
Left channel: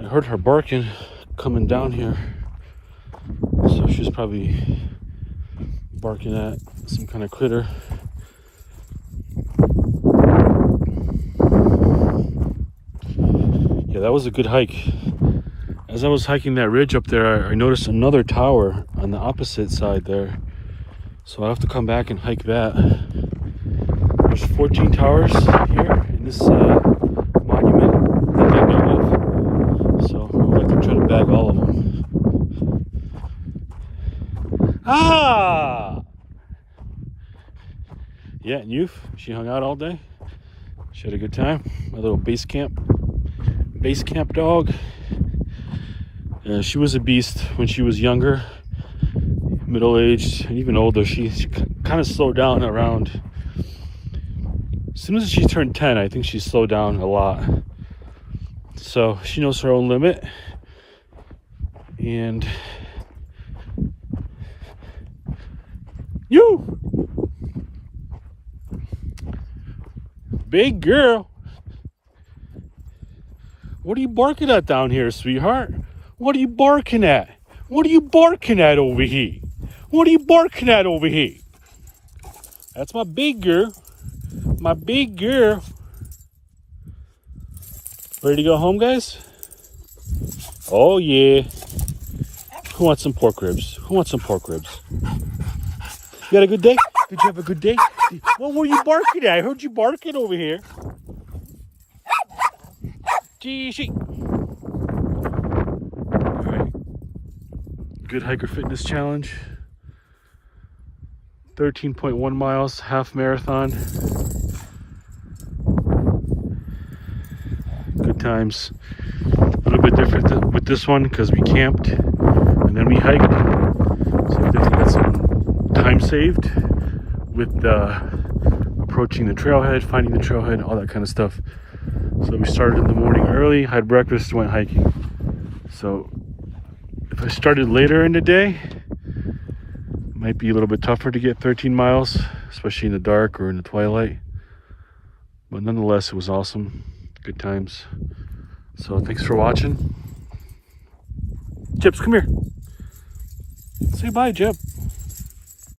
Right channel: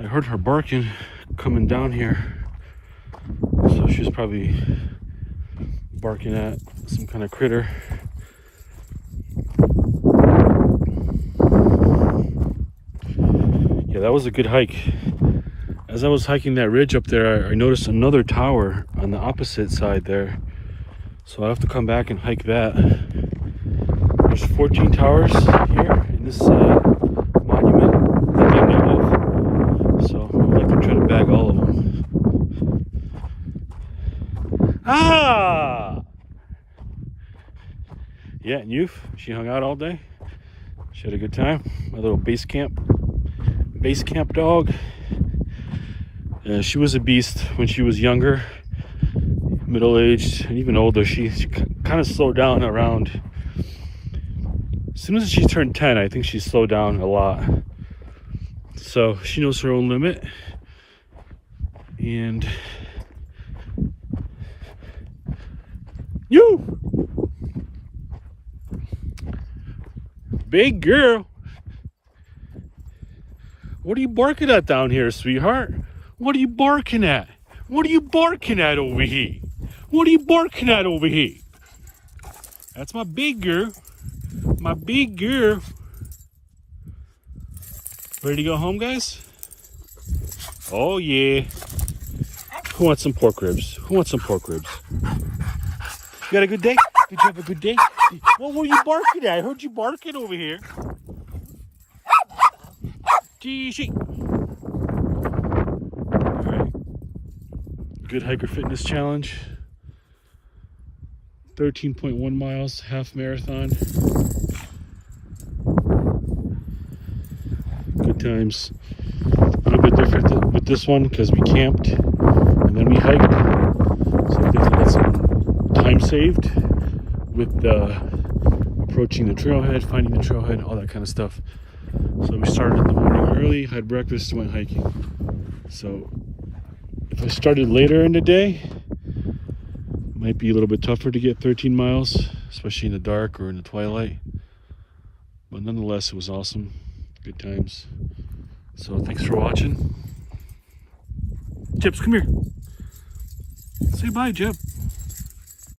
I heard her barking coming down here. So she's probably barking at some kind of critter. Yeah, that was a good hike. As I was hiking that ridge up there, I noticed another tower on the opposite side there. So I'll have to come back and hike that. There's 14 towers here in this monument that they know of. So I'll have to try to bag all of them. Ah! Yeah, and Youth, she hung out all day. She had a good time. My little base camp dog. She was a beast when she was younger, middle-aged, and even older. She kind of slowed down around. As soon as she turned 10, I think she slowed down a lot. So she knows her own limit. And you, big girl, what are you barking at down here, sweetheart? What are you barking at? What are you barking at over here? What are you barking at over here? That's my big girl. My big girl. Ready to go home, guys? Oh, yeah. Who wants some pork ribs? Who wants some pork ribs? You had a good day? Did you have a good day? What were you barking at? I heard you barking over here. Gee, she. All right. Good Hiker Fitness Challenge. 13.1 miles, half marathon. Good times. A little bit different with this one because we camped and then we hiked. So I think we got some time saved with approaching the trailhead, finding the trailhead, all that kind of stuff. So we started in the morning early, had breakfast, went hiking. So if I started later in the day, it might be a little bit tougher to get 13 miles, especially in the dark or in the twilight. But nonetheless, it was awesome. Good times. So thanks for watching. Chips, come here. Say bye, Jip.